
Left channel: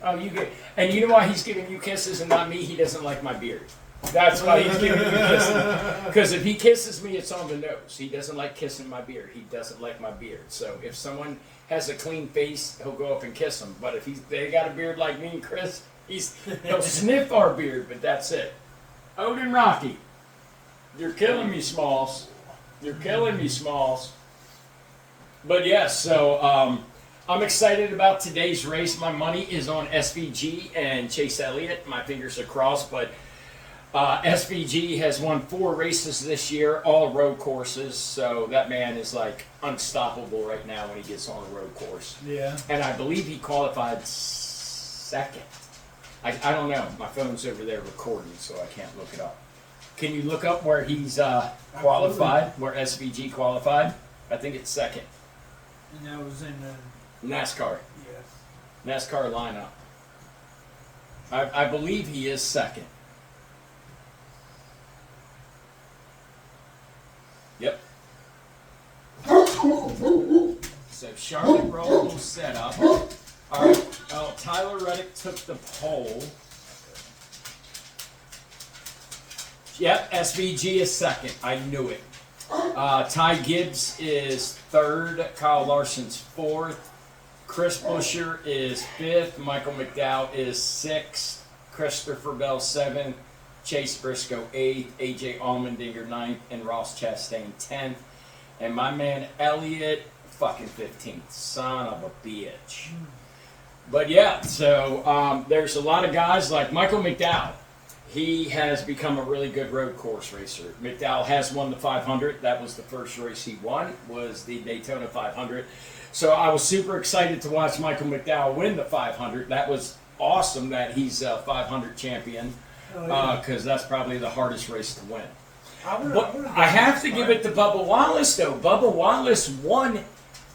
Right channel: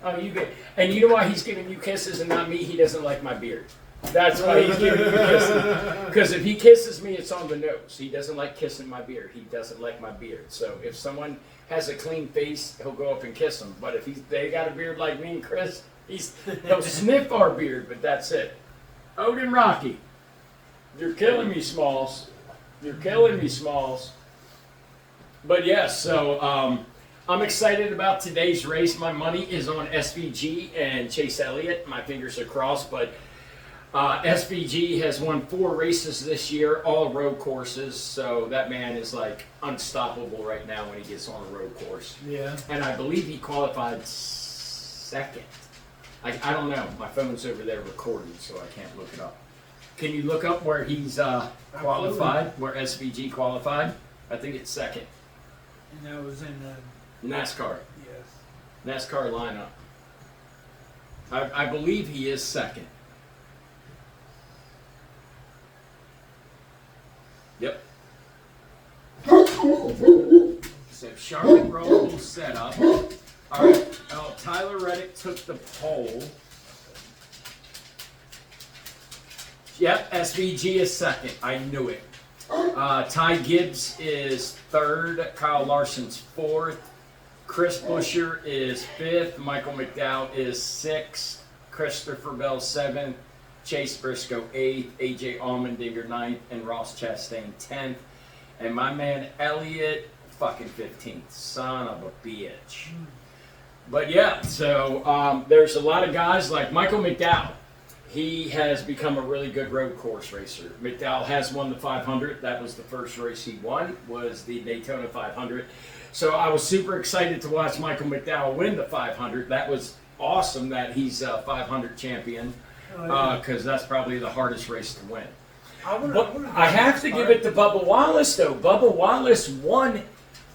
Oh, you get, and you know why he's giving you kisses and not me? He doesn't like my beard. That's why he's giving you kisses. Because if he kisses me, it's on the nose. He doesn't like kissing my beard. He doesn't like my beard. So if someone has a clean face, he'll go up and kiss them. But if they got a beard like me and Chris, he'll sniff our beard, but that's it. Odin Rocky, you're killing me, Smalls. You're killing me, Smalls. But yes, so I'm excited about today's race. My money is on SVG and Chase Elliott. My fingers are crossed, but SVG has won 4 races this year, all road courses. So that man is like unstoppable right now when he gets on a road course. Yeah. And I believe he qualified second. I don't know. My phone's over there recording, so I can't look it up. Can you look up where he's qualified, where SVG qualified? I think it's second. And that was in the NASCAR. yes. NASCAR lineup. I believe he is second. Yep. So Charlotte Roll set up. All right. Oh, Tyler Reddick took the pole. Yep, SVG is second. I knew it. Ty Gibbs is third. Kyle Larson's fourth. Chris Buescher is fifth. Michael McDowell is sixth. Christopher Bell seventh. Chase Briscoe eighth. AJ Allmendinger ninth. And Ross Chastain 10th. And my man Elliott fucking 15th. Son of a bitch. But yeah, so there's a lot of guys like Michael McDowell. He has become a really good road course racer. McDowell has won the 500. That was the first race he won, was the Daytona 500. So I was super excited to watch Michael McDowell win the 500. That was awesome that he's a 500 champion Oh, yeah. because that's probably the hardest race to win. would've But I have to give it to Bubba Wallace though. Bubba Wallace won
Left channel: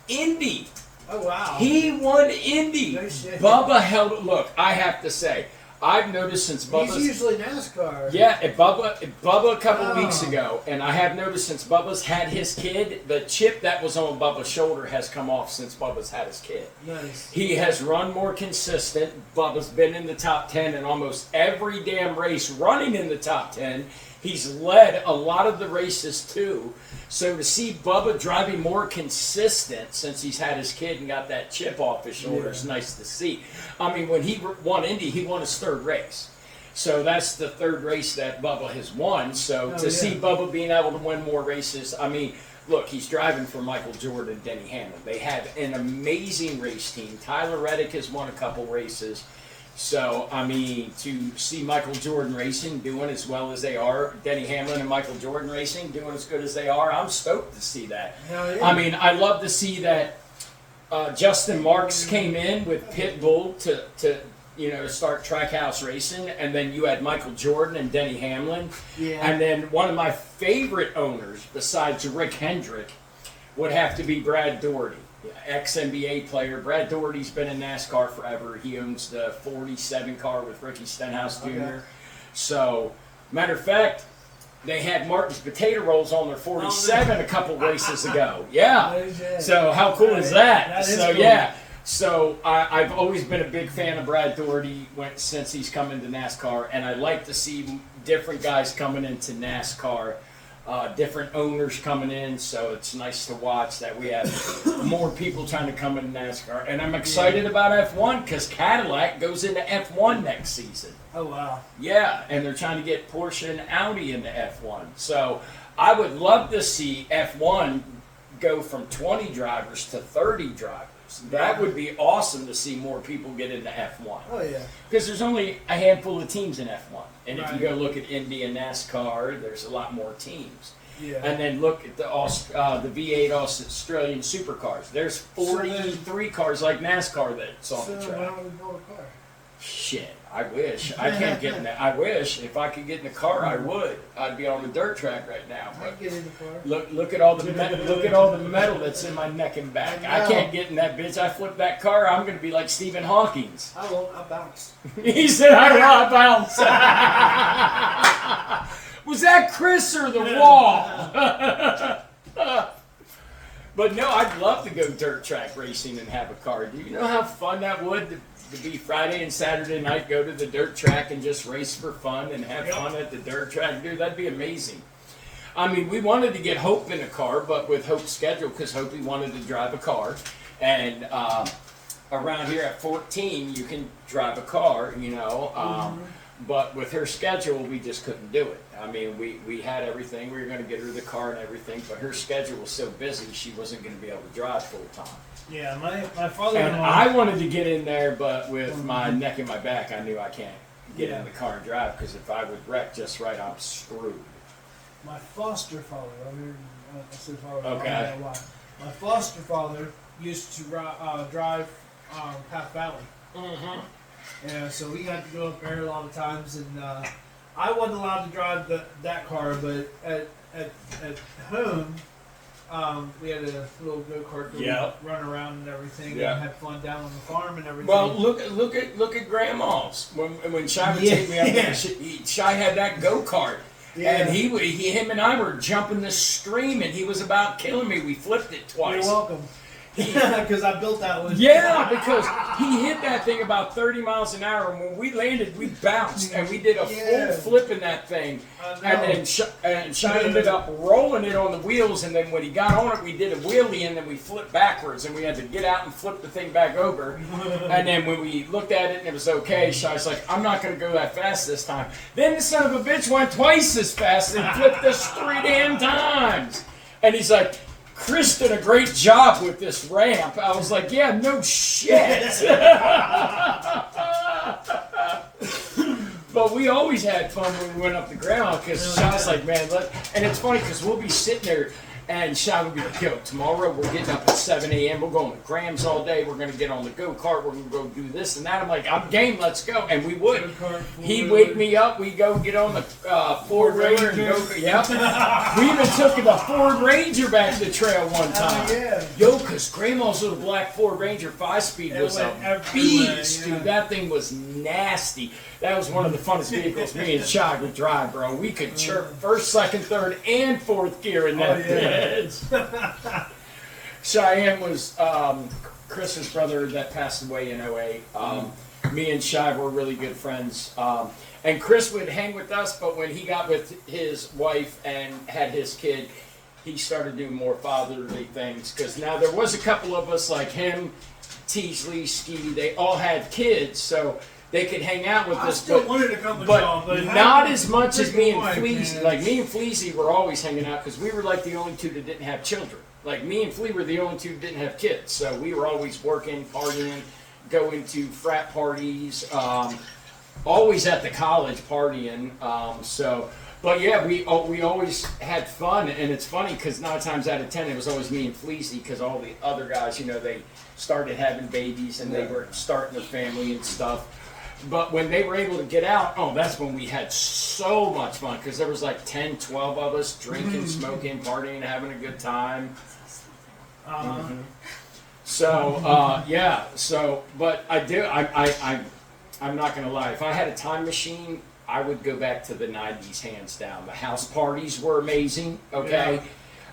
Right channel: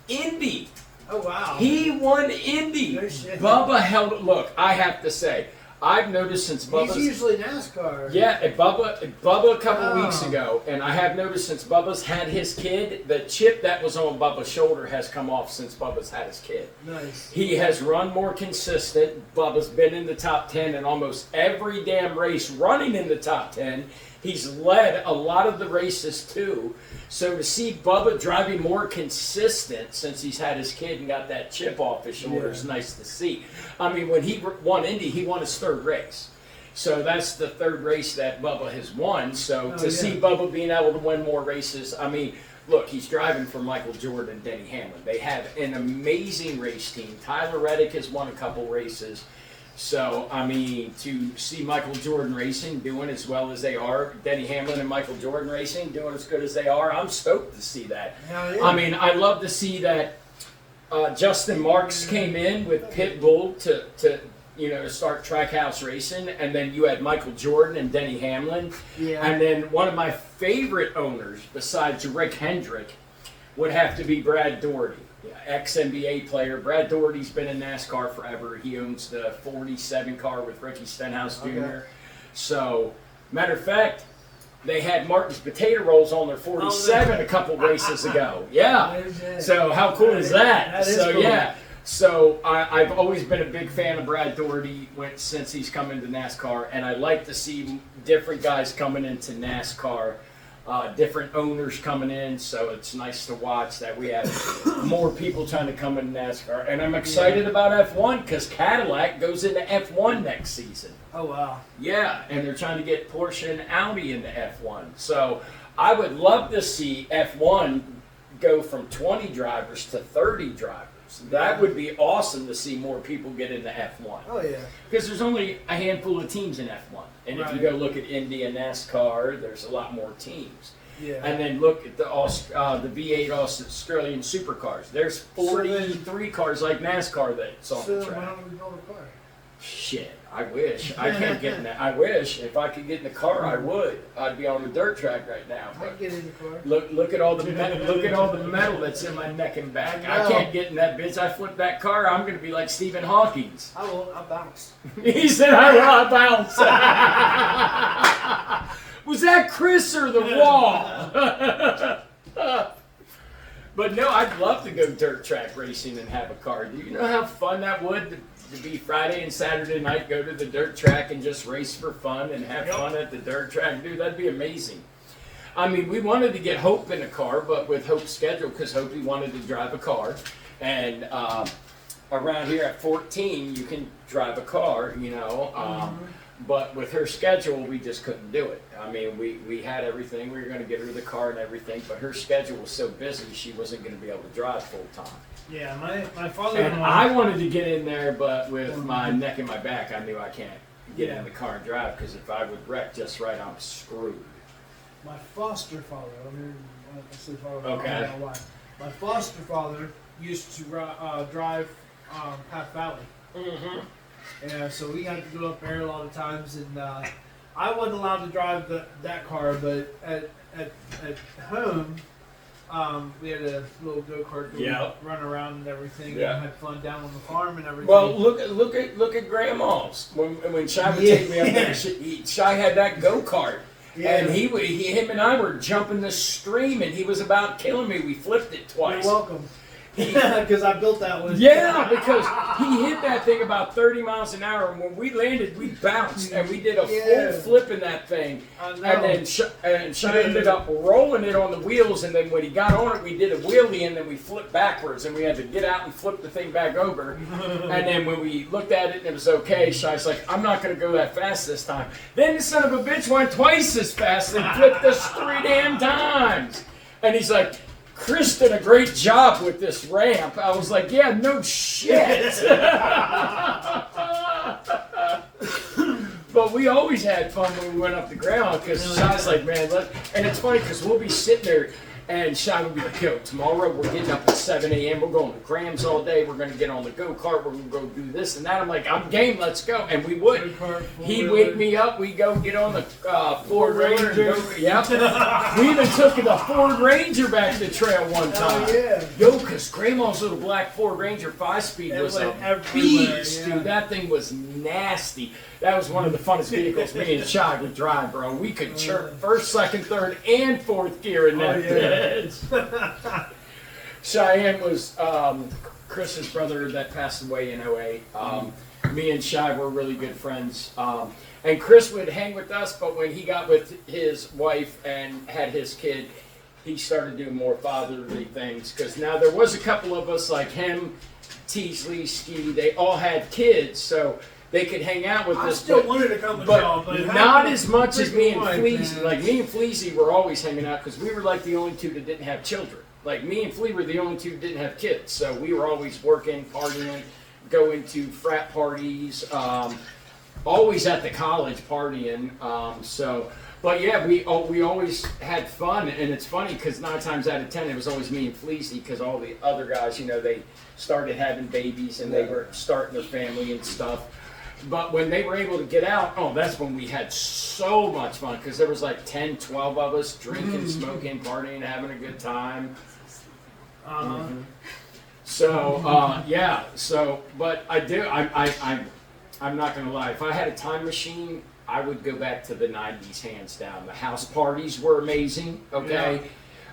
Indy. Oh wow. He won Indy. No shit. Bubba held. Look, I have to say, I've noticed since He's Bubba's. usually NASCAR. Yeah, Bubba a couple Oh. weeks ago, and I have noticed since Bubba's had his kid, the chip that was on Bubba's shoulder has come off since Bubba's had his kid. Nice. He has run more consistent. Bubba's been in the top 10 in almost every damn race, running in the top 10. He's led a lot of the races too. So to see Bubba driving more consistent since he's had his kid and got that chip off his shoulder is nice to see. I mean, when he won Indy, he won his third race. So that's the third race that Bubba has won. So to see Bubba being able to win more races, I mean, look, he's driving for Michael Jordan and Denny Hamlin. They have an amazing race team. Tyler Reddick has won a couple races. So, I mean, to see Michael Jordan racing doing as well as they are, Denny Hamlin and Michael Jordan racing doing as good as they are, I'm stoked to see that. Hell yeah. I mean, I love to see that Justin Marks came in with Pitbull to start Trackhouse racing, and then you had Michael Jordan and Denny Hamlin. Yeah. And then one of my favorite owners, besides Rick Hendrick, would have to be Brad Doherty. Ex-NBA player. Brad Doherty's been in NASCAR forever. He owns the 47 car with Ricky Stenhouse Jr. Okay. So, matter of fact, they had Martin's Potato Rolls on their 47 a couple races ago. Yeah. So how cool is that? That is So cool. yeah. So I've always been a big fan of Brad Doherty since he's come into NASCAR, and I like to see different guys coming into NASCAR. Different owners coming in, so it's nice to watch that we have more people trying to come into NASCAR. And I'm excited about F1 because Cadillac goes into F1 next season. Oh wow. Yeah, and they're trying to get Porsche and Audi into F1. So I would love to see F1 go from 20 drivers to 30 drivers. That would be awesome to see more people get into F1. Oh yeah. Because there's only a handful of teams in F1. And if you Right. go look at Indy and NASCAR, there's a lot more teams. Yeah. And then look at the V8 Australian supercars. There's 43 cars like NASCAR that's on So the track. how would we go to car? Shit, I wish. I can't get in that. I wish. If I could get in the car, I would. I'd be on the dirt track right now. I But can get in the car. look at all the look at all the metal that's in my neck and back. I I know. can't get in that bitch. I flip that car, I'm gonna be like Stephen Hawking's. I won't. I bounce. He said, I bounce. Was that Chris or the wall? But no, I'd love to go dirt track racing and have a car. Do you know how fun that would to be Friday and Saturday night, go to the dirt track and just race for fun and have fun at the dirt track? Dude, that'd be amazing. I mean, we wanted to get Hope in a car, but with Hope's schedule, because Hope wanted to drive a car. And around here at 14, you can drive a car, but with her schedule, we just couldn't do it. I mean, we had everything. We were going to get her the car and everything, but her schedule was so busy, she wasn't going to be able to drive full time. Yeah, my And father-in-law. I wanted to get in there, but with my neck and my back, I knew I can't get Yeah. in the car and drive, because if I would wreck just right, I'm screwed. My foster father. I mean, I say father. Okay. I don't know why. My foster father used to drive Path Valley. Mm-hmm. And so we had to go up there a lot of times, and I wasn't allowed to drive that car, but at home, we had a little go-kart that Yeah. we run around and everything, Yeah. and had fun down on the farm and everything. Well, look at Grandma's. When Shy would take me up there, Shy had that go-kart. Yeah. And him and I were jumping the stream, and he was about killing me. We flipped it twice. You're welcome. Because I built that one. Yeah, because he hit that thing about 30 miles an hour, and when we landed, we bounced, and we did a Yeah. full flip in that thing. I know. And then Shy ended up rolling it on the wheels, and then when he got on it, we did a wheelie, and then we flipped backwards, and we had to get out and flip the thing back over. And then when we looked at it and it was okay, Shy's like, I'm not going to go that fast this time. Then the son of a bitch went twice as fast and flipped us 3 damn times. And he's like, Chris did a great job with this ramp. I was like, yeah, no shit. But we always had fun when we went up to Grandma, because Shy's like, man, look. And it's funny because we'll be sitting there And Shy would be like, yo, tomorrow we're getting up at 7 a.m. We're going to Grams all day. We're going to get on the go-kart. We're going to go do this and that. I'm like, I'm game. Let's go. And we would. He'd wake me up. We'd go get on the Ford Ranger. And go, yeah. We even took the Ford Ranger back to the trail one time. yeah. Yo, because Grandma's little black Ford Ranger 5-speed was a went everywhere, beast, yeah. dude. That thing was nasty. That was one of the funnest vehicles me and Shy would drive, bro. We could chirp first, second, third, and fourth gear in that bitch. Cheyenne was Chris's brother that passed away in 08. Me and Shy were really good friends. And Chris would hang with us, but when he got with his wife and had his kid, he started doing more fatherly things. Because now there was a couple of us like him, Teasley, Ski, they all had kids, so they could hang out with I us. still But wanted to come to y'all, but but not as much as me and wife, Fleazy. man. Like me and Fleazy were always hanging out because we were like the only two that didn't have children. Like me and Flea were the only two that didn't have kids, so we were always working, partying, going to frat parties, always at the college partying. But yeah, we always had fun, and it's funny because 9 times out of 10 it was always me and Fleazy because all the other guys, you know, they started having babies and they were starting their family and stuff. But when they were able to get out, oh, that's when we had so much fun because there was like 10, 12 of us drinking, smoking, partying, having a good time. So, yeah, so, but I'm not going to lie. If I had a time machine, I would go back to the 90s, hands down. The house parties were amazing, okay?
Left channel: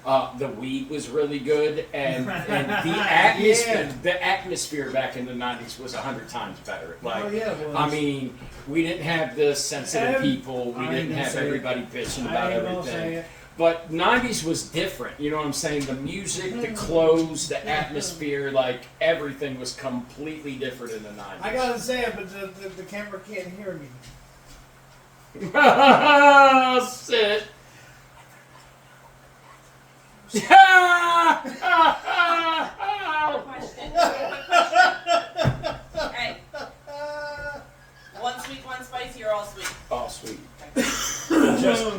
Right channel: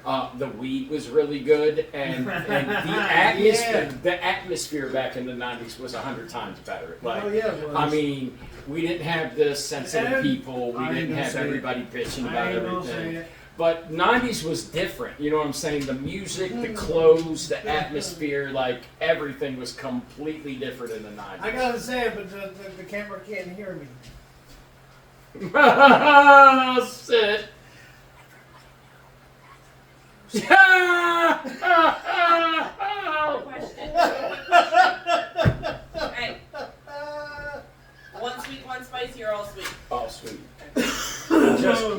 The weed was really good, and the atmosphere back in the 90s was 100 times better. Like, Oh, yeah, it was. I mean, we didn't have the sensitive And people. We I ain't didn't gonna have say it. everybody bitching I about ain't gonna say everything. it. But 90s was different, you know what I'm saying? The music, the clothes, the atmosphere, like everything was completely different in the 90s. I gotta say it, but the camera can't hear me. Sit. Hey, one sweet, one spicy, or all sweet? Oh, sweet.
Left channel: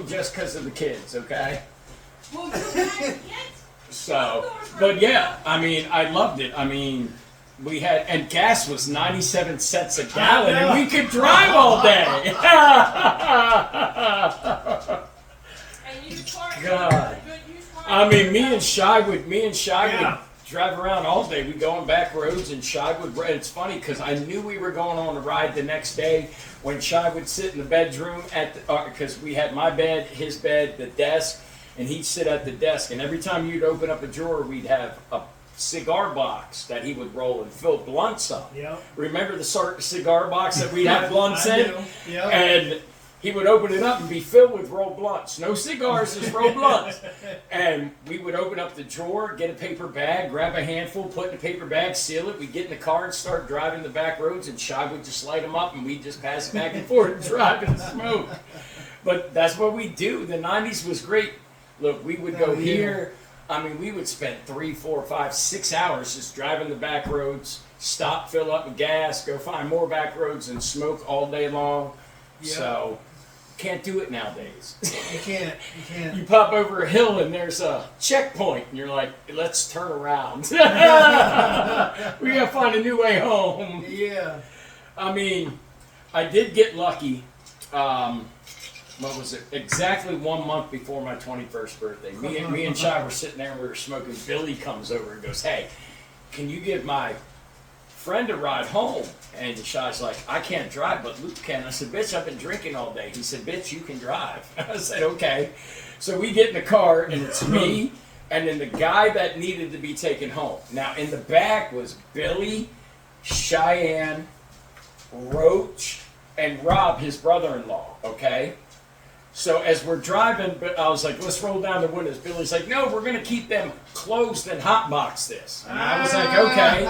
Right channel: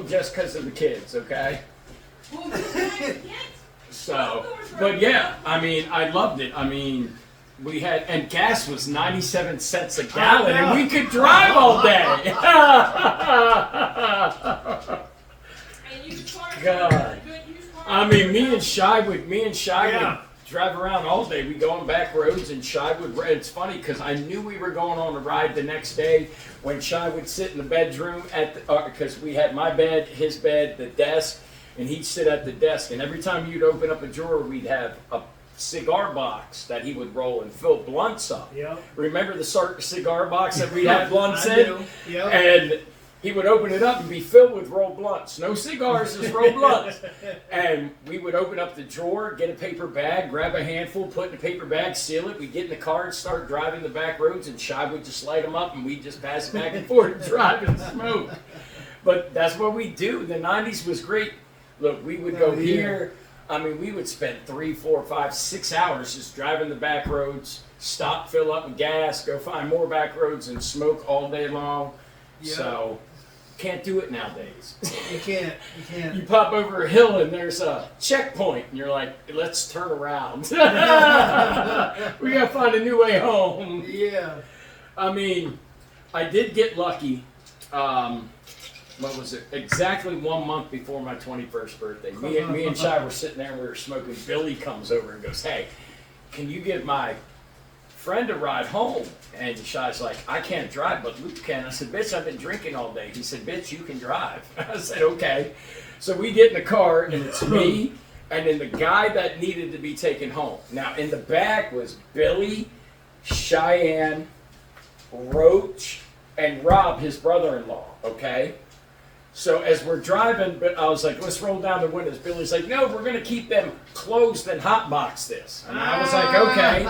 Just because of the kids, okay? Well, you guys get. So, but yeah, I mean, I loved it. I mean, we had, and gas was 97 cents a gallon, and we could drive all day. And used cars. God. Good used cars. I mean, me and Shy would Yeah. drive around all day. We'd go on back roads, and Shy would. It's funny because I knew we were going on a ride the next day when Shy would sit in the bedroom because we had my bed, his bed, the desk, and he'd sit at the desk. And every time you'd open up a drawer, we'd have a cigar box that he would roll and fill blunts up. Yep. Remember the cigar box that we'd have blunts I in? do. Yep. And he would open it up and be filled with rolled blunts. No cigars, just rolled blunts. And we would open up the drawer, get a paper bag, grab a handful, put in a paper bag, seal it. We'd get in the car and start driving the back roads, and Shy would just light them up, and we'd just pass it back and forth and drive and smoke. But that's what we do. The 90s was great. Look, we would go Oh, yeah. here. I mean, we would spend 3, 4, 5, 6 hours just driving the back roads, stop, fill up with gas, go find more back roads, and smoke all day long. Yeah. So, can't do it nowadays. You can't. You can't. You pop over a hill and there's a checkpoint, and you're like, let's turn around. We gotta find a new way home. Yeah. I mean, I did get lucky. What was it? Exactly 1 month before my 21st birthday. Me and Shy were sitting there and we were smoking. Billy comes over and goes, "Hey, can you give my friend a ride home?" And Shy's like, "I can't drive, but Luke can." I said, "Bitch, I've been drinking all day." He said, "Bitch, you can drive." I said, "Okay." So we get in the car and it's me and then the guy that needed to be taken home. Now in the back was Billy, Cheyenne, Roach, and Rob, his brother-in-law, okay? So as we're driving, but I was like, let's roll down the windows. Billy's like, no, we're going to keep them closed and hotbox this. And I was like, okay.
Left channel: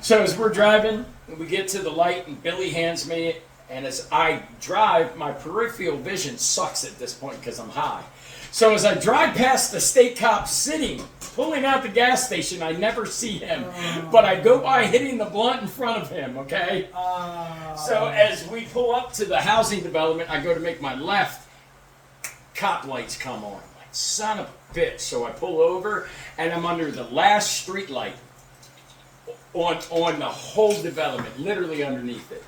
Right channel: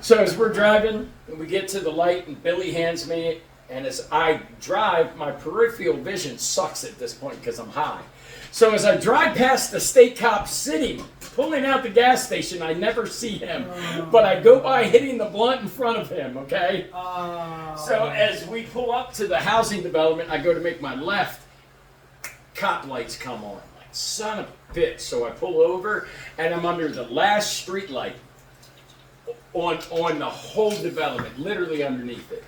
So as we're driving, we get to the light, and Billy hands me it. And as I drive, my peripheral vision sucks at this point because I'm high. So as I drive past the state cop sitting, pulling out the gas station, I never see him. But I go by hitting the blunt in front of him, okay? So as we pull up to the housing development, I go to make my left. Cop lights come on. I'm like, son of a bitch. So I pull over, and I'm under the last street light on the whole development, literally underneath it.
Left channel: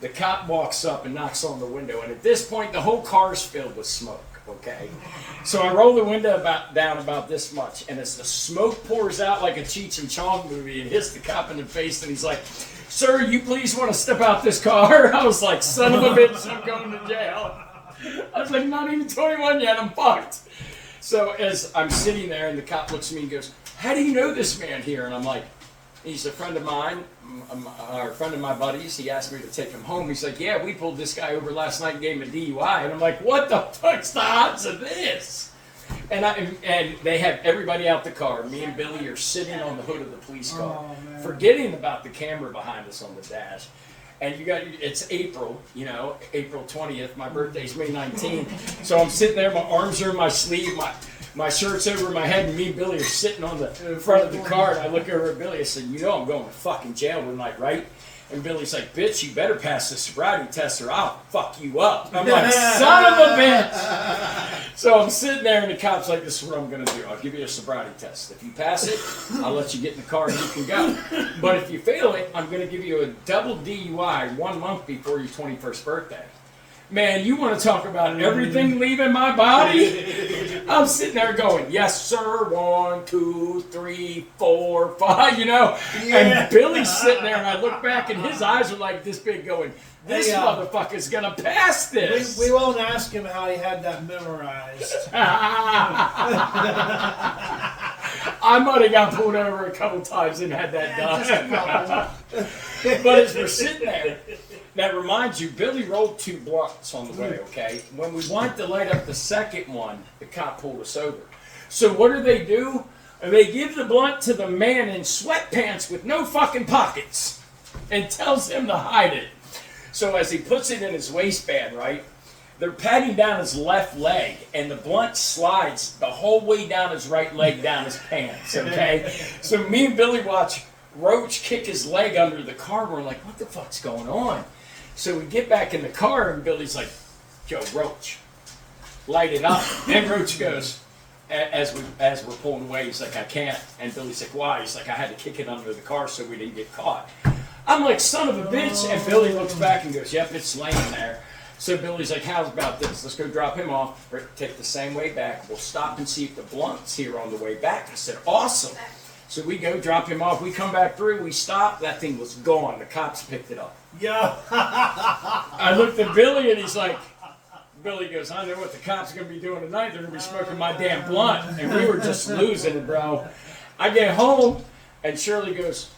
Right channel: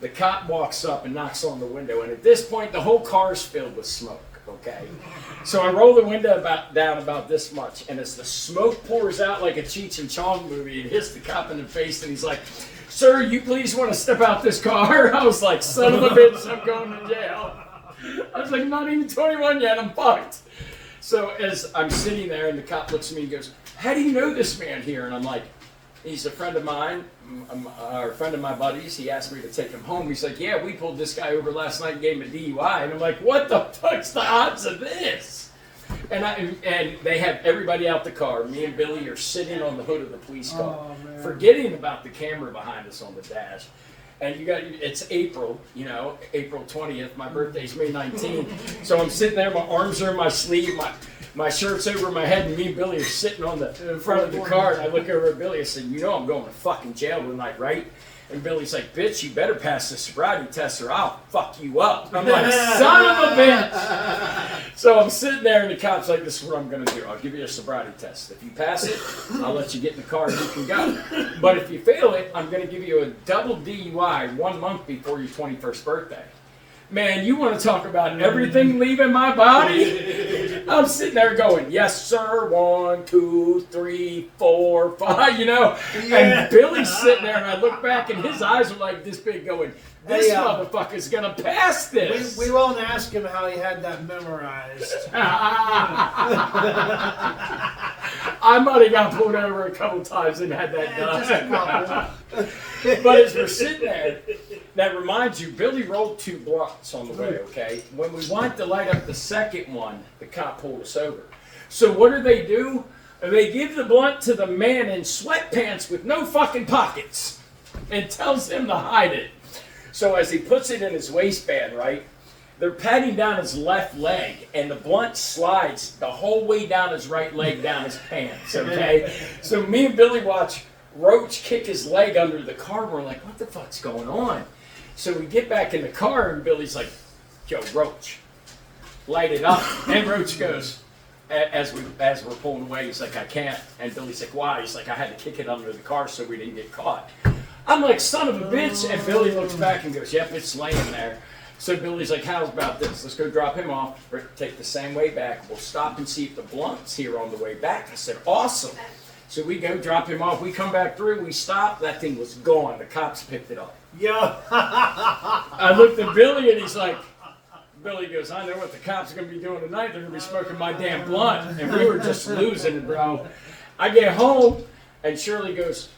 The cop walks up and knocks on the window, and at this point, the whole car's filled with smoke. Okay, so I roll the window down about this much, and as the smoke pours out like a Cheech and Chong movie, it hits the cop in the face, and he's like, "Sir, you please want to step out this car?" I was like, "Son of a bitch, I'm going to jail." I was like, "Not even 21 yet, I'm fucked." So as I'm sitting there, and the cop looks at me and goes, "How do you know this man here?" And I'm like, "He's a friend of mine, or a friend of my buddies. He asked me to take him home." He's like, "Yeah, we pulled this guy over last night and gave him a DUI." And I'm like, "What the fuck's the odds of this?" And they have everybody out the car. Me and Billy are sitting on the hood of the police car, forgetting about the camera behind us on the dash. And it's April, April 20th. My birthday's May 19th. So I'm sitting there, my arms are in my sleeve, my shirt's over my head, and me and Billy are sitting on the front of the car. And I look over at Billy, I said, "I'm going to fucking jail tonight, right?" And Billy's like, "Bitch, you better pass the sobriety test or I'll fuck you up." I'm like, "Son of a bitch." So I'm sitting there, and the cop's like, "This is what I'm going to do. I'll give you a sobriety test. If you pass it, I'll let you get in the car and you can go. But if you fail it, I'm going to give you a double DUI 1 month before your 21st birthday." Man, you want to talk about everything leaving my body? I'm sitting there going, "Yes, sir, 1, 2, 3, 4, 5, And Billy's sitting there, and I look back, and his eyes are like this big going, "This motherfucker's going to pass this." We won't ask him how he had that memorized. I might have got pulled over a couple times and had that done. But as we're sitting there, that reminds you, Billy rolled 2 blunts on the way, okay? When we wanted to light up the second one, the cop pulled us over. So what do? They give the blunt to the man in sweatpants with no fucking pockets and tells him to hide it. So as he puts it in his waistband, right, they're patting down his left leg, and the blunt slides the whole way down his right leg, down his pants, okay? So me and Billy watch Roach kick his leg under the car. We're like, "What the fuck's going on?" So we get back in the car, and Billy's like, "Yo, Roach, light it up." And Roach goes, as we're pulling away, he's like, "I can't." And Billy's like, "Why?" He's like, "I had to kick it under the car so we didn't get caught." I'm like, "Son of a bitch." And Billy looks back and goes, "Yep, it's laying there." So Billy's like, "How's about this? Let's go drop him off, take the same way back. We'll stop and see if the blunt's here on the way back." I said, "Awesome." So we go drop him off. We come back through. We stop. That thing was gone. The cops picked it up. Yeah. I looked at Billy, and he's like, Billy goes, "I know what the cops are going to be doing tonight. They're going to be smoking my damn blunt." And we were just losing it, bro. I get home, and Shirley goes,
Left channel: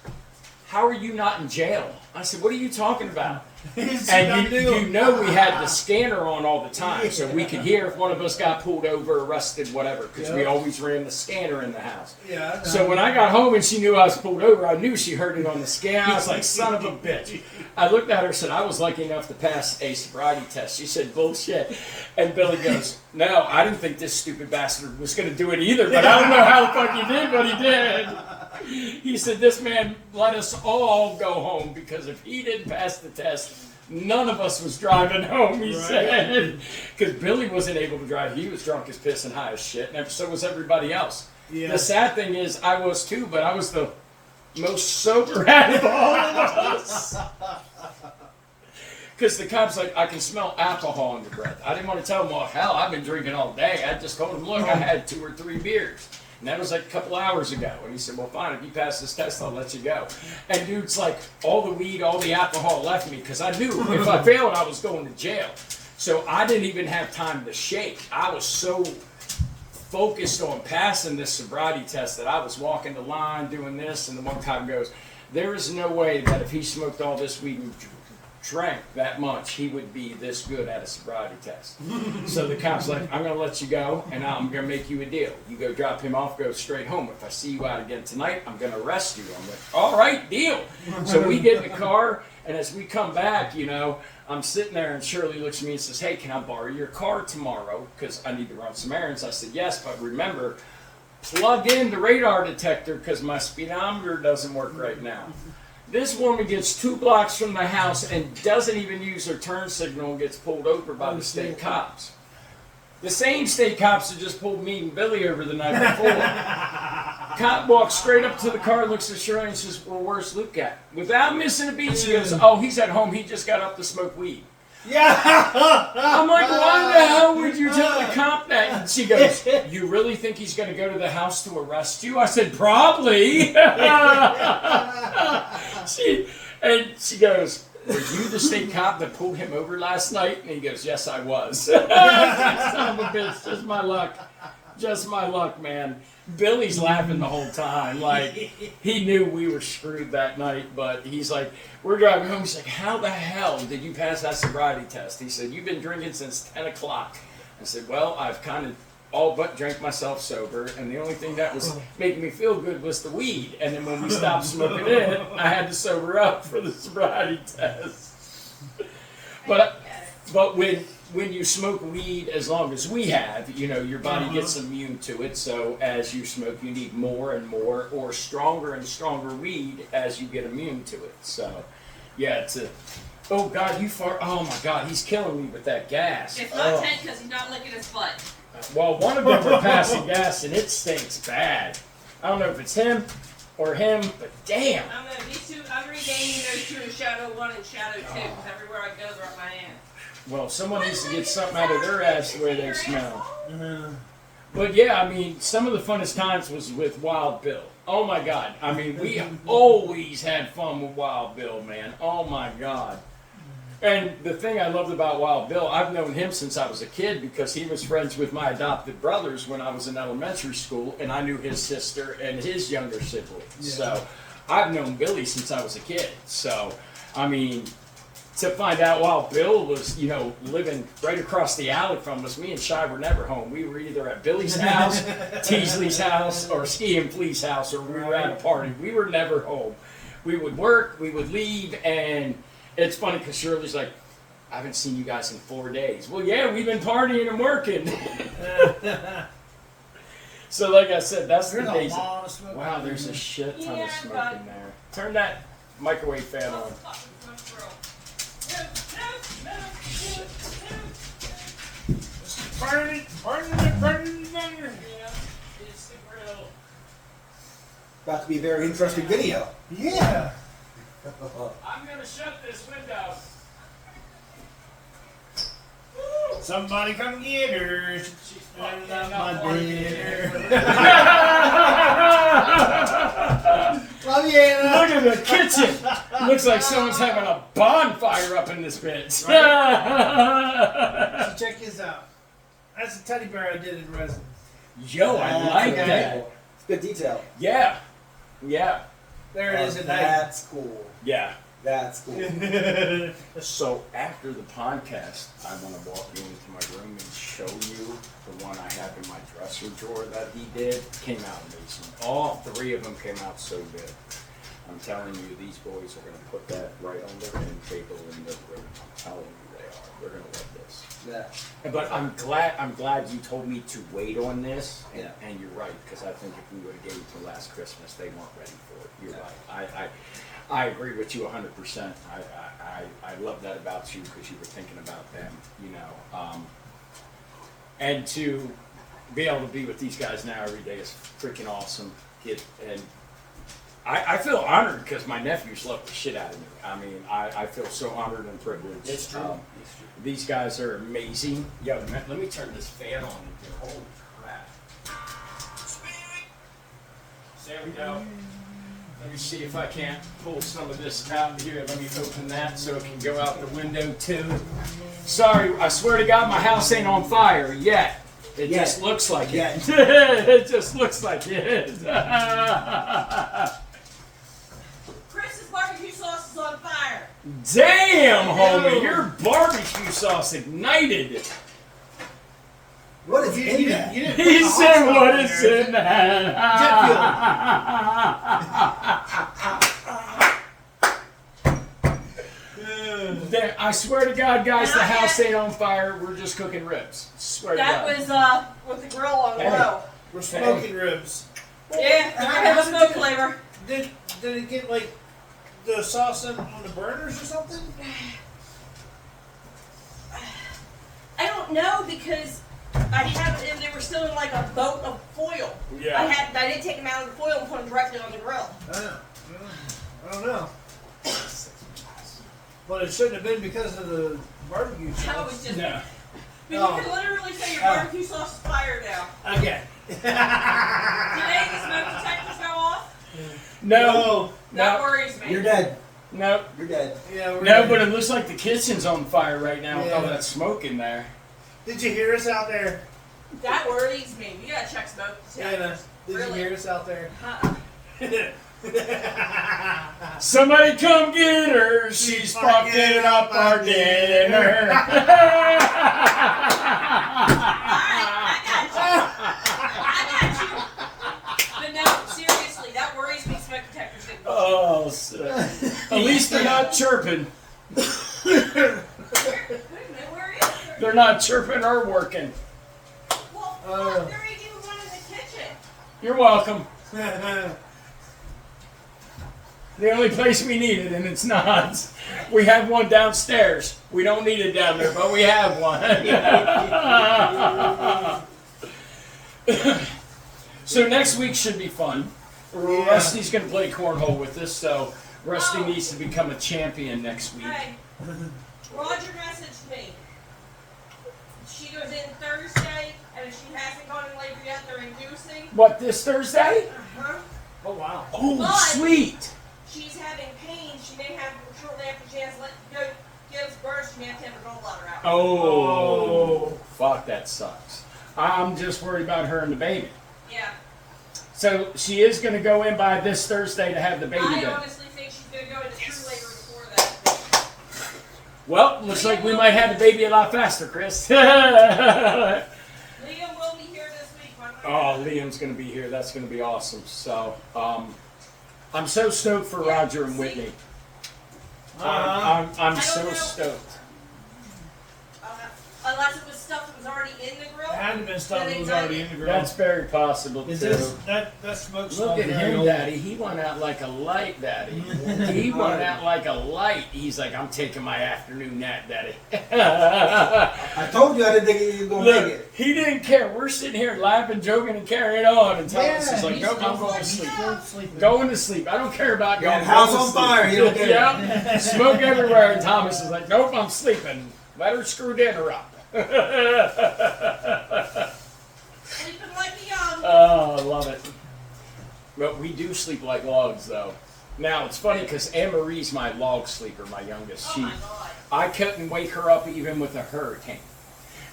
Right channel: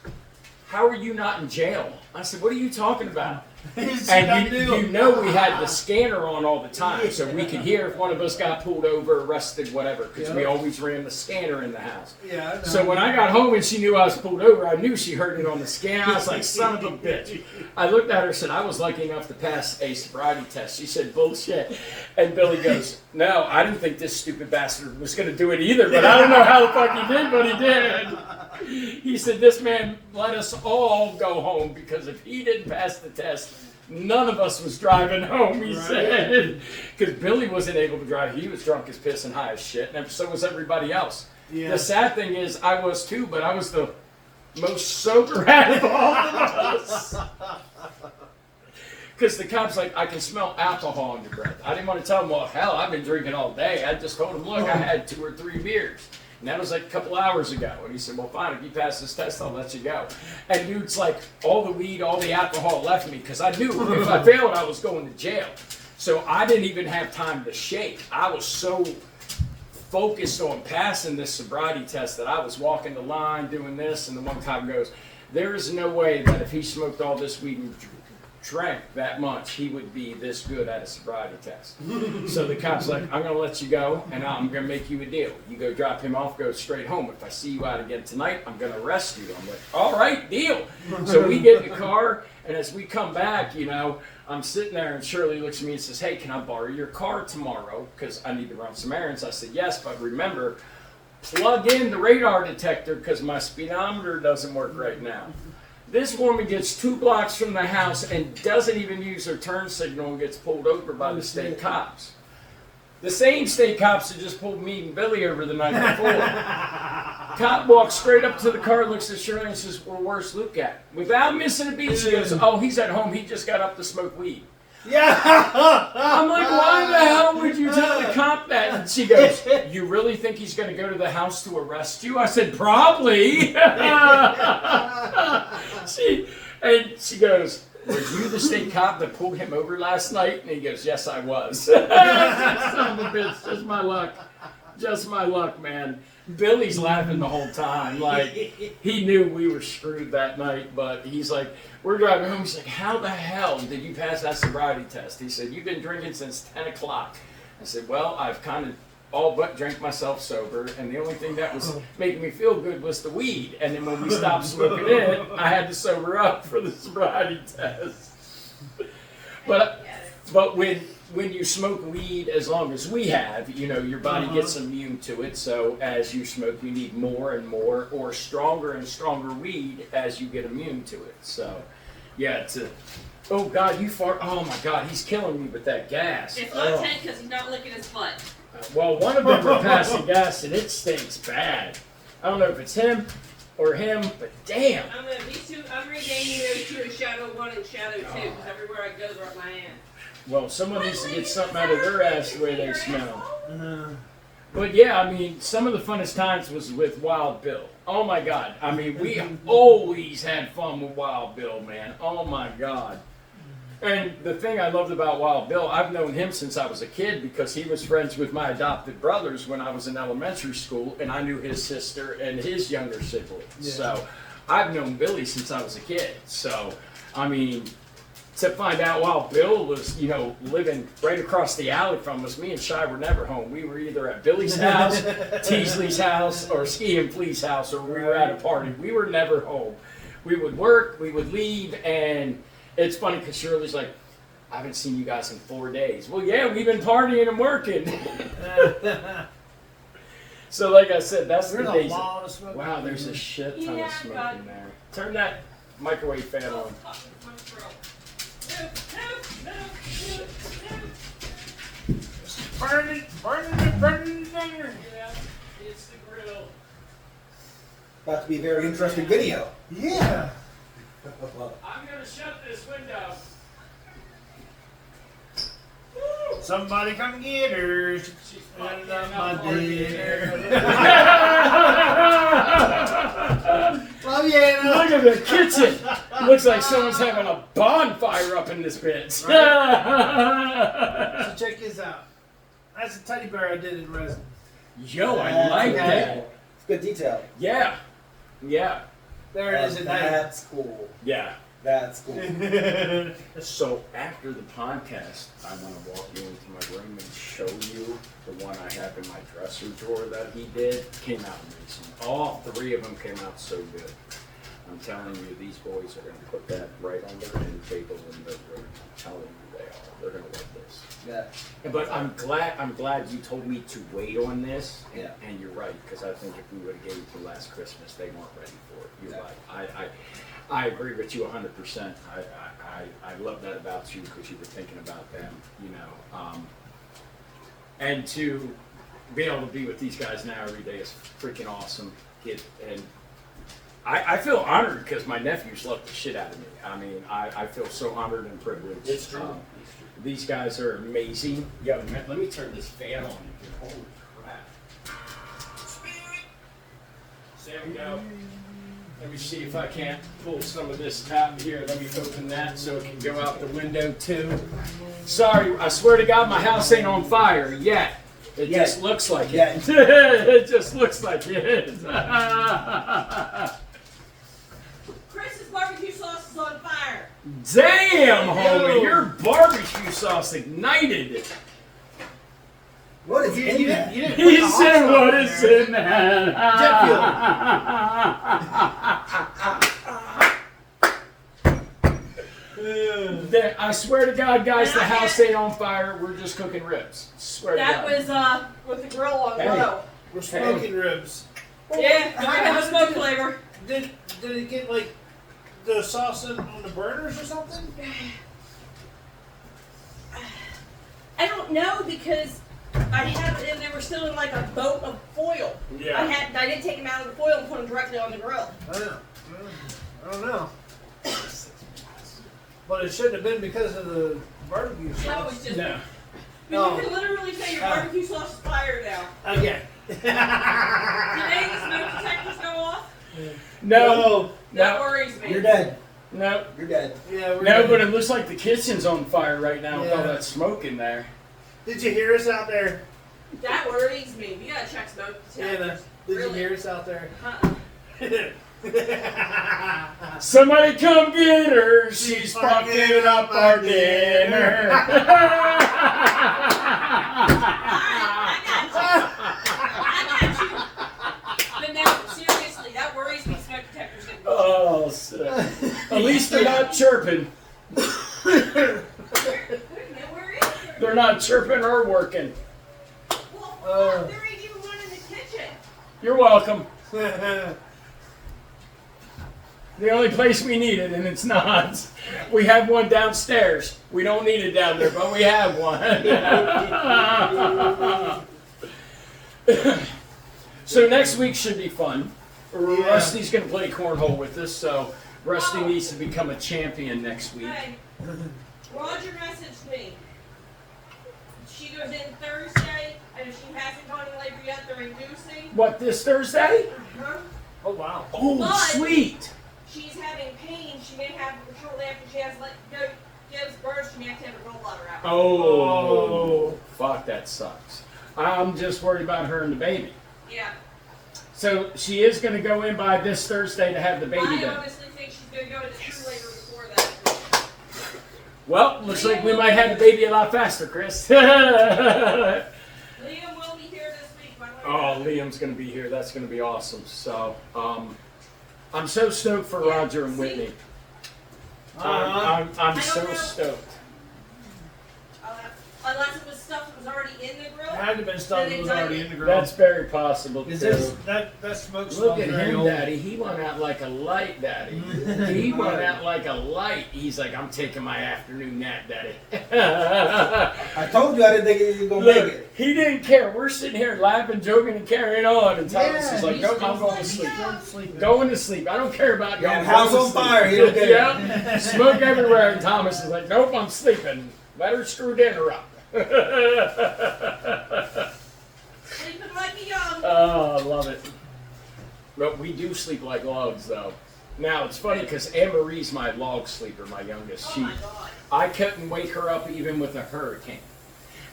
"How are you not in jail?" I said, "What are you talking about?" And you know we had the scanner on all the time, so we could hear if one of us got pulled over, arrested, whatever, because we always ran the scanner in the house. Yeah. So when I got home and she knew I was pulled over, I knew she heard it on the scanner. I was like, "Son of a bitch." I looked at her and said, "I was lucky enough to pass a sobriety test." She said, "Bullshit." And Billy goes, "No, I didn't think this stupid bastard was going to do it either, but I don't know how the fuck he did, but he did." He said, "This man let us all go home because if he didn't pass the test, none of us was driving home," he said. Because Billy wasn't able to drive. He was drunk as piss and high as shit, and so was everybody else. Yeah. The sad thing is, I was too, but I was the most sober out of all of us. Because the cop's like, "I can smell alcohol in your breath." I didn't want to tell him, "Well, hell, I've been drinking all day." I just told him, "Look, I had 2 or 3 beers. And that was like a couple hours ago." And he said, "Well, fine, if you pass this test, I'll let you go." And dude's like, all the weed, all the alcohol left me because I knew if I failed, I was going to jail. So I didn't even have time to shake. I was so focused on passing this sobriety test that I was walking the line, doing this, and the one cop goes, "There is no way that if he smoked all this weed and drank that much, he would be this good at a sobriety test." So the cop's like, "I'm going to let you go, and I'm going to make you a deal. You go drop him off, go straight home. If I see you out again tonight, I'm going to arrest you." I'm like, "All right, deal." So we get in the car, and as we come back, I'm sitting there, and Shirley looks at me and says, "Hey, can I borrow your car tomorrow? Because I need to run some errands." I said, "Yes, but remember, plug in the radar detector because my speedometer doesn't work right now." This woman gets 2 blocks from the house and doesn't even use her turn signal and gets pulled over by the state cops. The same state cops that just pulled me and Billy over the night before. Cop walks straight up to the car, looks at Shirley and says, well, where's Luke at? Without missing a beat, she goes, oh, he's at home. He just got up to smoke weed. Yeah. I'm like, why the hell would you tell the cop that? And she goes, you really think he's going to go to the house to arrest you? I said, probably. she goes, were you the state cop that pulled him over last night? And he goes, yes, I was. Son of a bitch, just my luck. Just my luck, man. Billy's laughing the whole time. Like, he knew we were screwed that night, but he's like, we're driving home. He's like, how the hell did you pass that sobriety test? He said, you've been drinking since 10 o'clock. I said, well, I've kind of all but drank myself sober, and the only thing that was making me feel good was the weed. And then when we stopped smoking it, I had to sober up for the sobriety test. But when you smoke weed, as long as we have, you know, your body gets immune to it. So as you smoke, you need more and more, or stronger and stronger weed as you get immune to it. So, yeah, oh God, you fart! Oh my God, he's killing me with that gas. It's not Ted because he's not licking his butt. Well, one of them are passing gas, and it stinks bad. I don't know if it's him or him, but damn. These two, I'm renaming those two in Shadow 1 and Shadow 2 because everywhere I go, they're up my ass. Well, someone needs to get something out of their ass the way they smell. But yeah, I mean, some of the funnest times was with Wild Bill. Oh my God. I mean, we always had fun with Wild Bill, man. Oh my God. And the thing I loved about Wild Bill, I've known him since I was a kid because he was friends with my adopted brothers when I was in elementary school, and I knew his sister and his younger siblings. Yeah. So I've known Billy since I was a kid. So, I mean, to find out Wild Bill was, you know, living right across the alley from us, me and Shy were never home. We were either at Billy's house, Teasley's house, or Ski and Flea's house, or we were at a party. We were never home. We would work, we would leave, and it's funny because Shirley's like, I haven't seen you guys in 4 days. Well, yeah, we've been partying and working. So, like I said, that's the days. Wow, there's a shit ton of smoke in there. Turn that microwave fan on. Burn it. Yeah, it's the grill. About to be a very interesting video. Yeah. I'm gonna shut this window. Somebody come get her. She's My fucking dinner. Look at the kitchen. It looks like someone's having a bonfire up in this bitch. So check this out. That's a teddy bear I did in resin. Yo, I like that. It's good detail. Yeah. Yeah. There it is at night. That's cool. Yeah. That's cool. So after the podcast, I want to walk you into my room and show you the one I have in my dresser drawer that he did. Came out amazing. All three of them came out so good. I'm telling you, these boys are going to put that right on their end table in their room. I'm telling you they are. They're going to love this. Yeah. But I'm glad you told me to wait on this. And, Yeah. and you're right, because I think if we would have gave it to last Christmas, they weren't ready for it. You're right. I agree with you 100%. I love that about you because you were thinking about them, you know. And to be able to be with these guys now every day is freaking awesome. And I feel honored because my nephews love the shit out of me. I mean, I feel so honored and privileged. It's true. These guys are amazing. Yo, man, let me turn this fan on. Holy crap. So there we go. Let me see if I can't pull some of this out here. Let me open that so it can go out the window too. Sorry, I swear to God, my house ain't on fire yet. It just looks like it. It just looks like it is. Chris's barbecue sauce is on fire. Damn, homie, your barbecue sauce ignited. What is in that? You didn't put He the hot said, sauce "What in is there. in that?" I swear to God, guys, the house ain't on fire. We're just cooking ribs. Swear That to God. was with the grill on Hey. low. We're smoking ribs. Yeah, I have a smoke flavor. Did it get like the sauce on the burners or something? I don't know because And they were still in like a boat of foil. Yeah. I didn't take them out of the foil and put them directly on the grill. I don't know. But it shouldn't have been because of the barbecue That sauce. was just. No. But you can literally say your barbecue sauce is fire now. Okay. Today the smoke detectors go off. No. That No. worries me. You're dead. No. You're dead. Yeah, we're No, good. but it looks like the kitchen's on fire right now with all Yeah. that smoke in there. Did you hear us out there? That worries me. We gotta check smoke Anna, detectors. did Really? you hear us out there? Somebody come get her. She's fucking up our dinner. I got you. But no, seriously, that worries me. Smoke detectors didn't. Oh, at least they're not chirping. Wait a minute, where is it? They're not chirping or working. Well, fuck, there ain't even one in the kitchen. You're welcome. The only place we need it, and it's not. We have one downstairs. We don't need it down there, but we have one. So next week should be fun. Rusty's going to play cornhole with us, so Rusty needs to become a champion next week. Hey, Roger messaged me. She goes in Thursday, and if she hasn't gone in labor yet, they're inducing. What, this Thursday? Uh-huh. Oh wow. Oh, But- sweet. She's having pain. She may have, shortly after she has gives birth, she may have to have her gallbladder out. Oh, fuck, that sucks. I'm just worried about her and the baby. Yeah. So she is going to go in by this Thursday to have the baby I done. honestly think she's going to go into true labor before that. Well, looks like we might have the baby a lot faster, Chris. Oh, Liam will be here this week. By the way. Liam's going to be here. That's going to be awesome. So, I'm so stoked for Roger and Whitney. I'm so stoked. Unless it was stuff that was already in the grill. It had to have been stuff that was already in the grill. That's very possible, Is too. this that smoke Look smells at very him, old. Daddy. He went out like a light, Daddy. He went out like a light. He's like, I'm taking my afternoon nap, Daddy. I told you I didn't think you were going to make Look, it. he didn't care. We're sitting here laughing, joking, and carrying on. And Thomas is like, he's nope, I'm still going to sleep. sleeping. Going to sleep. I don't care about Yeah, going house to on sleep. fire, he'll get it. Yeah. Smoke everywhere. And Thomas is like, nope, I'm sleeping. Better screw dinner up. Sleeping like a young. Oh, I love it. But we do sleep like logs, though. Now, it's funny because Anne Marie's my log sleeper, my youngest. Oh She, my god. I couldn't wake her up even with a hurricane.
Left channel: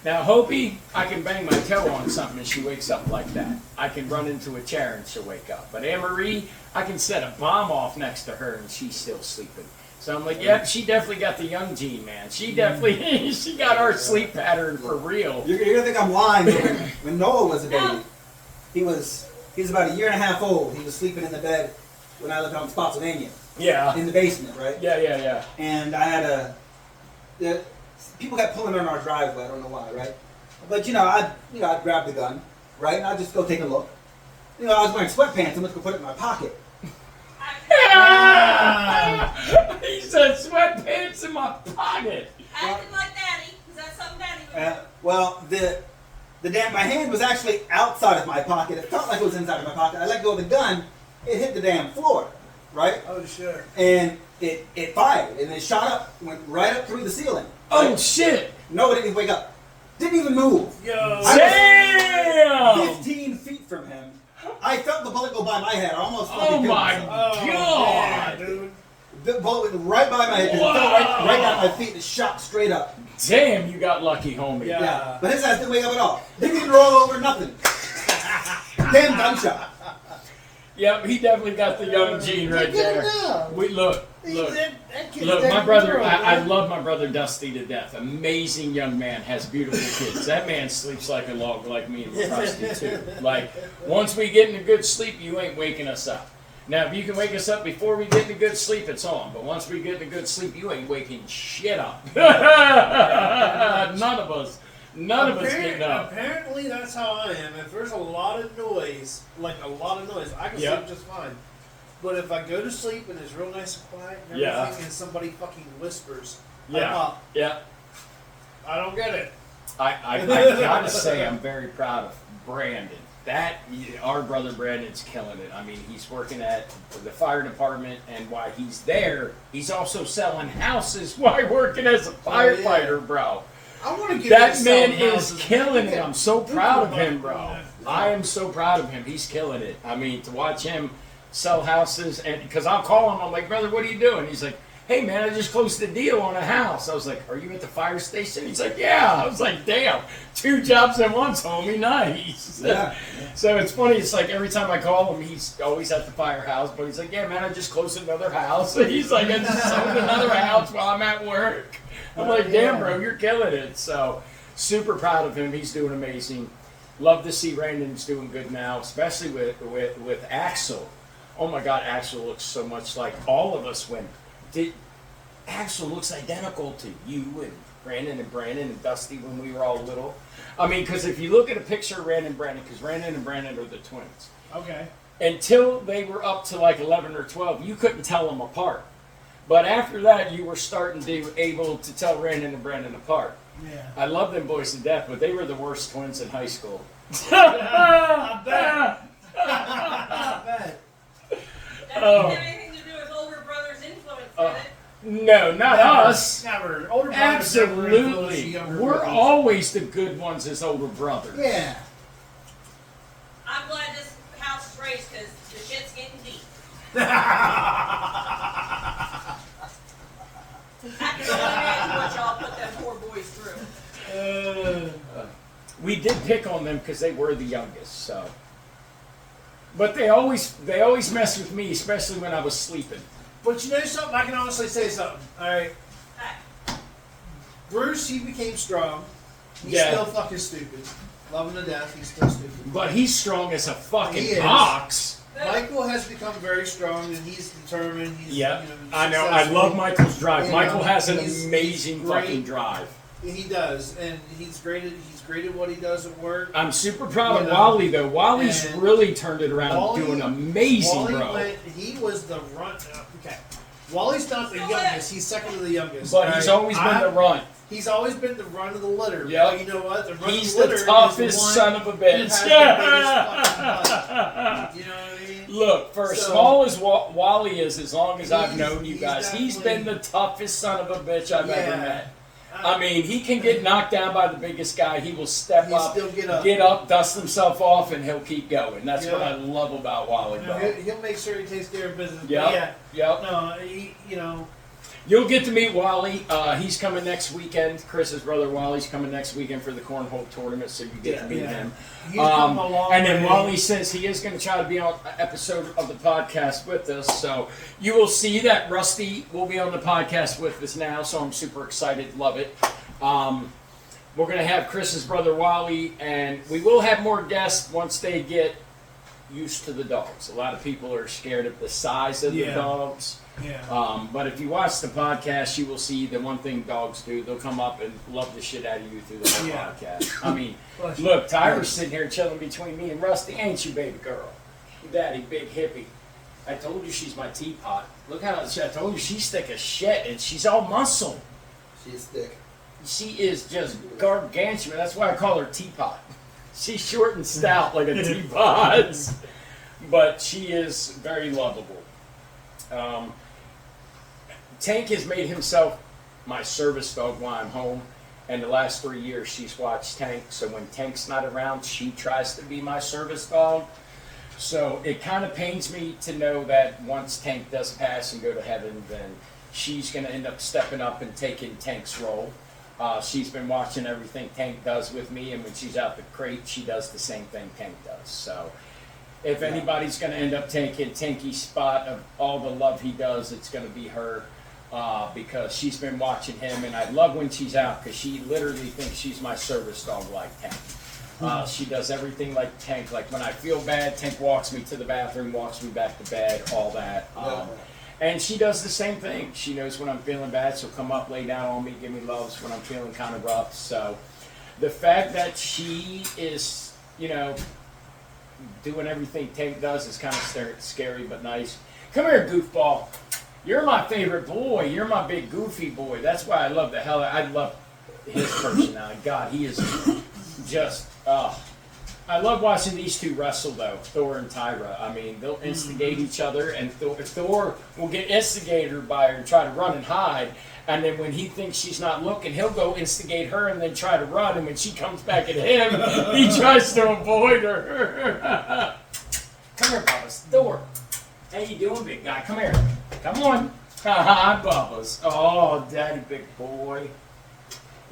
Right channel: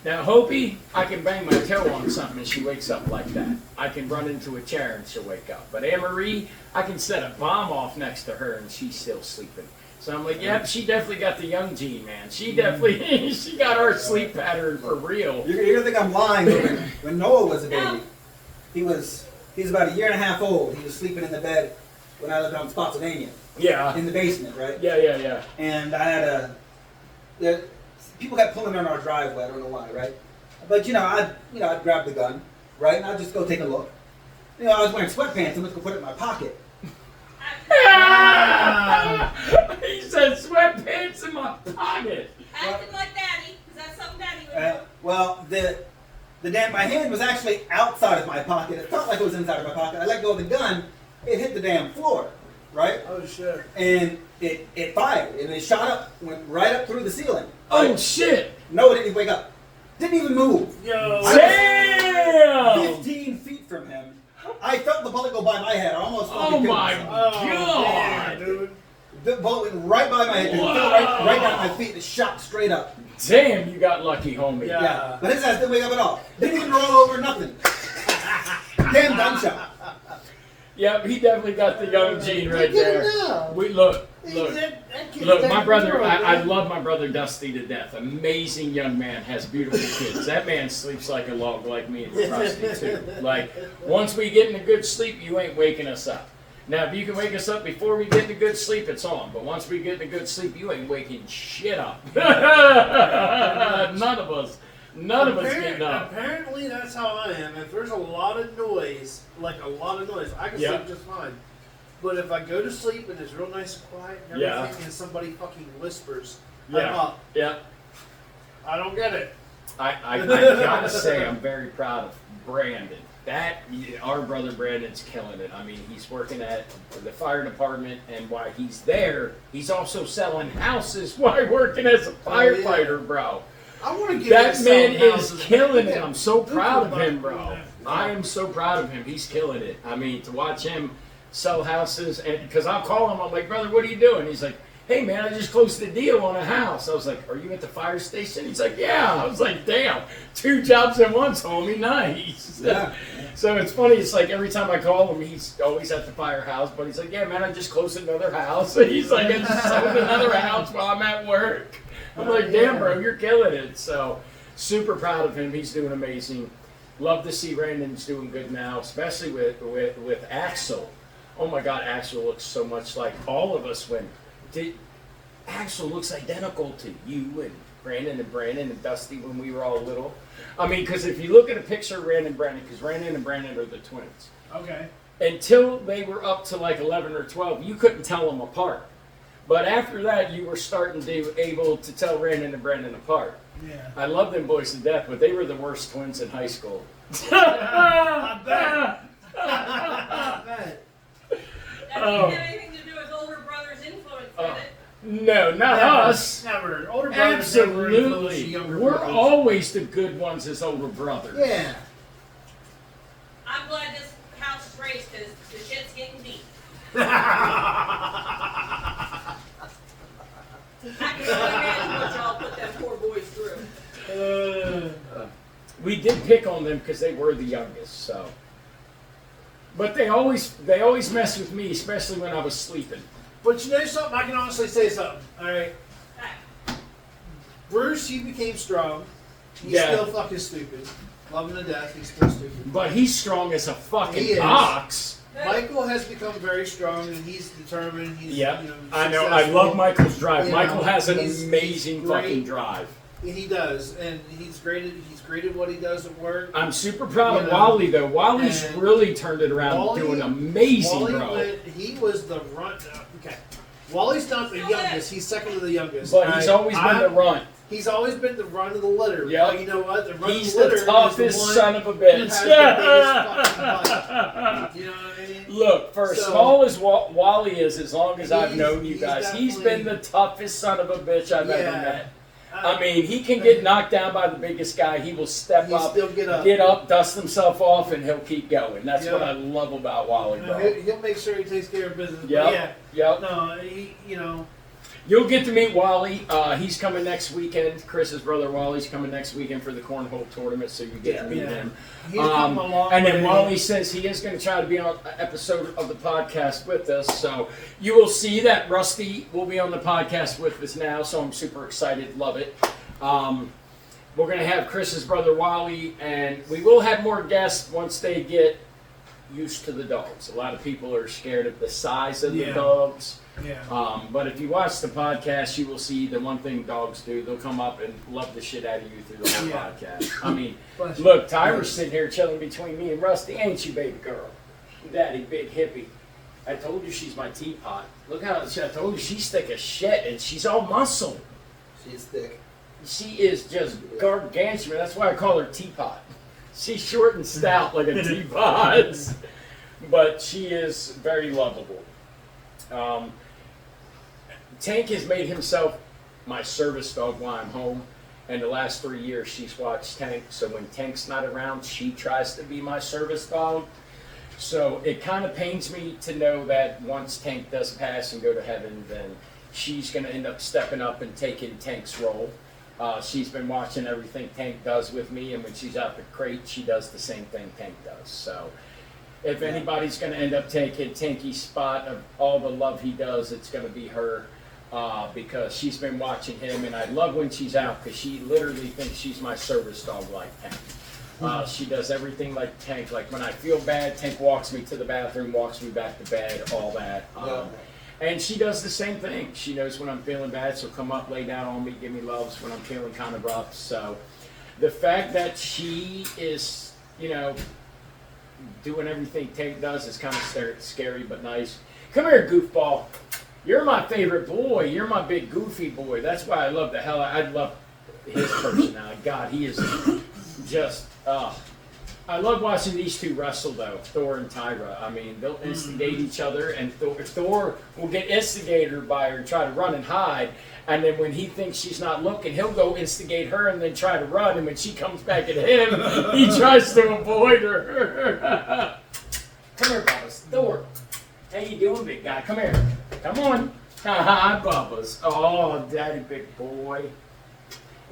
Now, Hopi, I can bang my toe on something and she wakes up like that. I can run into a chair and she'll wake up. But Anne Marie, I can set a bomb off next to her and she's still sleeping. So I'm like, yep, she definitely got the young gene, man. She definitely, she got our sleep pattern for real. You're going to think I'm lying. But when Noah was a baby, he was about 1.5 years old. He was sleeping in the bed when I lived on Spotsylvania, Yeah. in the basement, right? Yeah. And I had people kept pulling on our driveway. I don't know why, right? But I'd grab the gun, right, and I'd just go take a look. I was wearing sweatpants. I'm just gonna put it in my pocket. He said sweatpants in my pocket. Acting like daddy, because that's something daddy would do. Well, my hand was actually outside of my pocket. It felt like it was inside of my pocket. I let go of the gun. It hit the damn floor, right? Oh shit. And it fired, and it shot up, went right up through the ceiling. Oh shit! No, it didn't even wake up. Didn't even move. Yo. Damn! 15 feet from him. I felt the bullet go by my head. I almost Oh fucking killed my myself. Yeah, god! dude. The bullet went right by my head. It fell right down my feet. It shot straight up. Damn, you got lucky, homie. Yeah. Yeah. But his ass didn't wake up at all. Didn't even roll over, nothing. Damn gunshot. Yep, he definitely got the young gene right Get there. him down. We look. That kid's Look, dead my for brother, the world, I man. love my brother Dusty to death. Amazing young man, has beautiful kids. That man sleeps like a log like me and Rusty too. Like, once we get into good sleep, you ain't waking us up. Now, if you can wake us up before we get into good sleep, it's on. But once we get into good sleep, you ain't waking shit up. None of us getting up. Apparently, that's how I am. If there's a lot of noise, I can Yeah. sleep just fine. But if I go to sleep and it's real nice and quiet and Yeah. everything, and somebody fucking whispers, I'm Yeah. up. Yeah. I don't get it. I gotta say, I'm very proud of Brandon. Our brother Brandon's killing it. I mean, he's working at the fire department, and while he's there, he's also selling houses while working as a firefighter, bro. I want to get That man is killing it. I'm so proud of him, bro. I am so proud of him. He's killing it. I mean, to watch him sell houses, and because I'll call him, I'm like, brother, what are you doing? He's like, hey man, I just closed the deal on a house. I was like, are you at the fire station? He's like, yeah. I was like, damn, 2 jobs at once, homie, nice. Yeah. So it's funny, it's like every time I call him, he's always at the firehouse, but he's like, yeah man, I just closed another house. He's like, I just sold another house while I'm at work. I'm like, damn bro, you're killing it. So super proud of him, he's doing amazing. Love to see Brandon's doing good now, especially with Axel. Oh my God, Axel looks so much like all of us when Axel looks identical to you and Brandon and Dusty when we were all little. I mean, because if you look at a picture of Brandon and Brandon, because Brandon and Brandon are the twins. Okay. Until they were up to like 11 or 12, you couldn't tell them apart. But after that, you were starting to able to tell Brandon and Brandon apart. Yeah. I love them boys to death, but they were the worst twins in high school. I bet. I bet. That didn't have anything to do with older brother's influence, did it? No, not us. Never. Older brothers never influence the Absolutely. younger We're brothers. always the good ones as older brothers. Yeah. I'm glad this house is raised because the shit's getting deep. I can only imagine what y'all put them poor boys through. We did pick on them because they were the youngest, so. But they always mess with me, especially when I was sleeping. But you know something? I can honestly say something. All right. Hey, Bruce, he became strong. He's Yeah. still fucking stupid. Love him to death. He's still stupid. But he's strong as a He fucking is. ox. Michael has become very strong, and he's determined. He's, Yeah, you know, I know. I successful. love Michael's drive. You Michael know, has an he's amazing great. fucking drive. He does, and he's great at what he does at work. I'm super proud of You know, Wally though. Wally's and really turned it around, Wally- doing amazing, Wally bro. he was the run. Okay, Wally's not the youngest. He's second to the youngest. But he's All always right? been the runt. He's always been the run of the litter. Yep. But you know what? The run He's of the litter the toughest is the one son of a who bitch. has the biggest fucking butt. You know what I mean? Look, for as So- small as Wally is, as long as I've He's- known you he's guys, he's been definitely- the toughest son of a bitch I've ever Yeah. met. I mean, he can get knocked down by the biggest guy. He will step He'll up, still get up. dust himself off, and he'll keep going. That's what Yeah. I love about Wally, bro. He'll make sure he takes care of business. But Yep. yeah. Yep. No, you know. You'll get to meet Wally. He's coming next weekend. Chris's brother Wally's coming next weekend for the cornhole tournament, so you get to meet Yeah. him. He's come a long And then way. Wally says he is going to try to be on an episode of the podcast with us. So you will see that Rusty will be on the podcast with us now. So I'm super excited. Love it. We're going to have Chris's brother Wally, and we will have more guests once they get used to the dogs. A lot of people are scared of the size of the Yeah. dogs. Yeah. But if you watch the podcast, you will see the one thing dogs do. They'll come up and love the shit out of you through the whole Yeah. podcast. I mean, Bless you. look, Tyra's sitting here chilling between me and Rusty. Ain't you, baby girl? Daddy, big hippie. I told you she's my teapot. Look how I told you she's thick as shit, and she's all muscle. She's thick. She is just gargantuan. That's why I call her teapot. She's short and stout like a teapot. But she is very lovable. Tank has made himself my service dog while I'm home. And the last 3 years, she's watched Tank. So when Tank's not around, she tries to be my service dog. So it kind of pains me to know that once Tank does pass and go to heaven, then she's going to end up stepping up and taking Tank's role. She's been watching everything Tank does with me, and when she's out the crate, she does the same thing Tank does. So if anybody's going to end up taking Tanky's spot of all the love he does, it's going to be her. Because she's been watching him, and I love when she's out because she literally thinks she's my service dog like Tank. She does everything like Tank. Like when I feel bad, Tank walks me to the bathroom, walks me back to bed, all that. And she does the same thing. She knows when I'm feeling bad, she'll come up, lay down on me, give me loves when I'm feeling kind of rough. So the fact that she is, doing everything Tank does is kind of scary but nice. Come here, goofball. You're my favorite boy. You're my big goofy boy. That's why I love the hell. I love his personality. God, he is just. I love watching these two wrestle though, Thor and Tyra. I mean, they'll instigate each other, and Thor will get instigated by her, try to run and hide, and then when he thinks she's not looking, he'll go instigate her and then try to run, and when she comes back at him, he tries to avoid her. Come here, Bubba's. Thor. How you doing, big guy? Come here. Come on. Hi, Bubba's. Oh, daddy, big boy.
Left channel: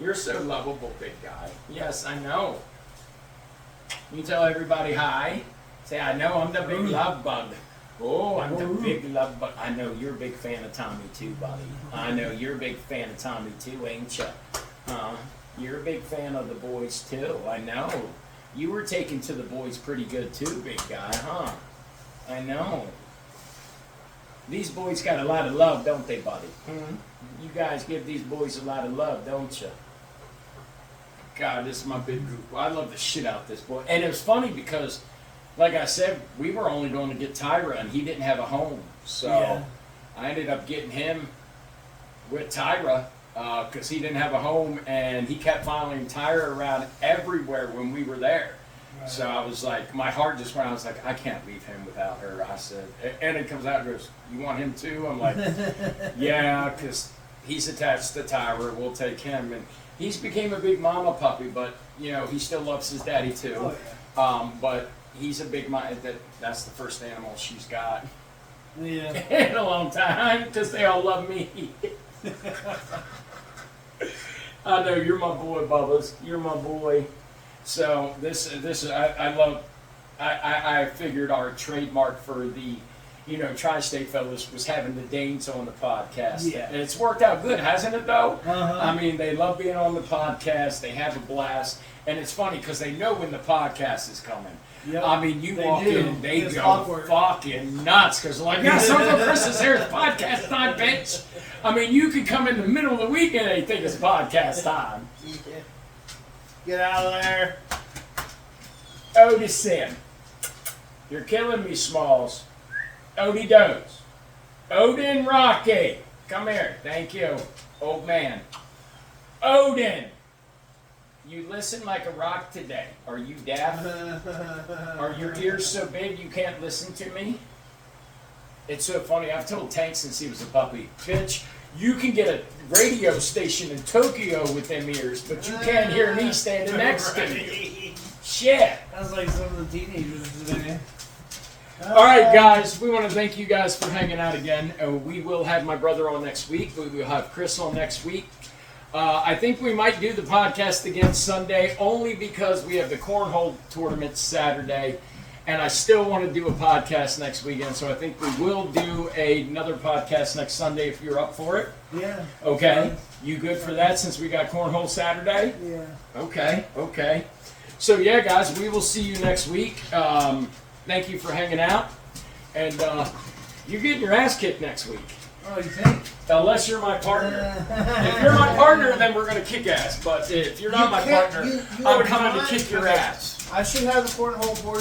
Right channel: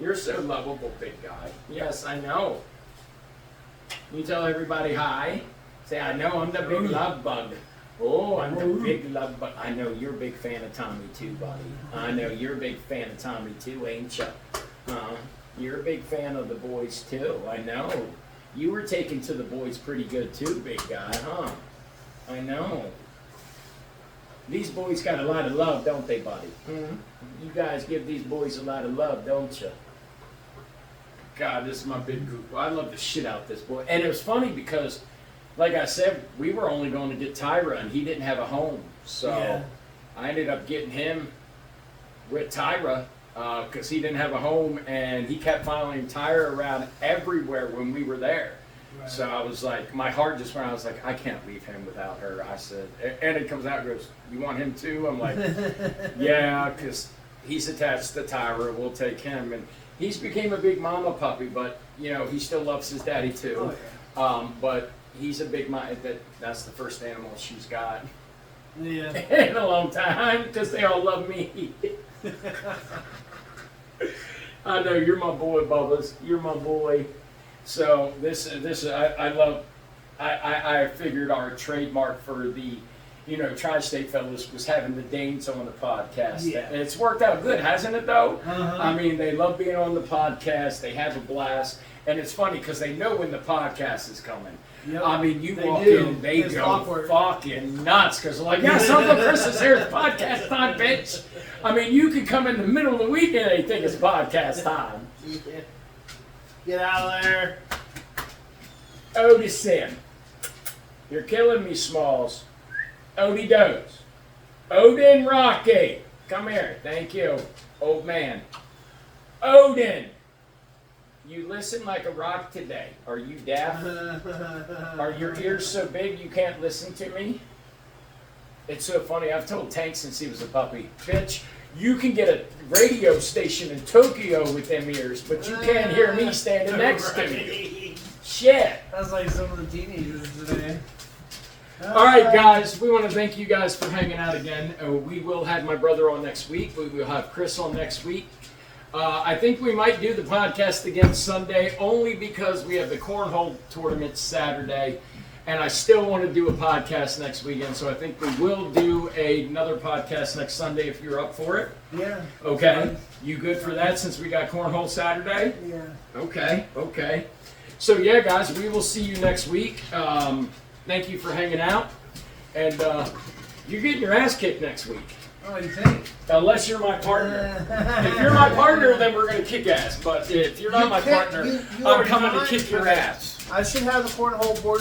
You're so lovable, big guy. Yes, I know. You tell everybody hi. Say, I know I'm the big love bug. Oh, I'm the big love bug. I know you're a big fan of Tommy too, buddy. I know you're a big fan of Tommy too, ain't you? You're a big fan of the boys too. I know. You were taken to the boys pretty good too, big guy, huh? I know. These boys got a lot of love, don't they, buddy? You guys give these boys a lot of love, don't you? God, this is my big group. I love the shit out of this boy. And it was funny because, like I said, we were only going to get Tyra, and he didn't have a home. So I ended up getting him with Tyra because he didn't have a home, and he kept following Tyra around everywhere when we were there. Right. So I was like, my heart just went, I was like, I can't leave him without her. I said, and it comes out and goes, you want him too? I'm like, yeah, because he's attached to Tyra. We'll take him. And he's became a big mama puppy, but, you know, he still loves his daddy too. But he's a big that's the first animal she's got in a long time because they all love me. I know, you're my boy, Bubba's. You're my boy. So I love. I figured our trademark for the, you know, Tri-State Fellas was having the Danes on the podcast. Yeah. And it's worked out good, hasn't it, though? Uh-huh. I mean, they love being on the podcast. They have a blast. And it's funny because they know when the podcast is coming. Yep. I mean, you They walk do. in, they It's go awkward. fucking nuts because they're like, yeah, Uncle Chris is here. It's podcast time, bitch. I mean, you could come in the middle of the week and they think it's podcast time. Get out of there. Odie Sim. You're killing me, Smalls. Odie Does. Odin Rocky. Come here. Thank you, old man. Odin. You listen like a rock today. Are you deaf? Are your ears so big you can't listen to me? It's so funny. I've told Tank since he was a puppy, bitch, you can get a radio station in Tokyo with them ears, but you can't hear me standing next to you. Shit. That's like some of the teenagers today. All right, guys, we want to thank you guys for hanging out again. We will have my brother on next week. We will have Chris on next week. I think we might do the podcast again Sunday only because we have the cornhole tournament Saturday, and I still want to do a podcast next weekend, so I think we will do another podcast next Sunday if you're up for it. Yeah. Okay. You good for that since we got cornhole Saturday? Yeah. Okay. So, yeah, guys, we will see you next week. Thank you for hanging out, and you're getting your ass kicked next week. Oh, you think? Unless you're my partner. If you're my partner, then we're going to kick ass. But if you're not my partner, I'm coming to kick your ass. I should have the cornhole board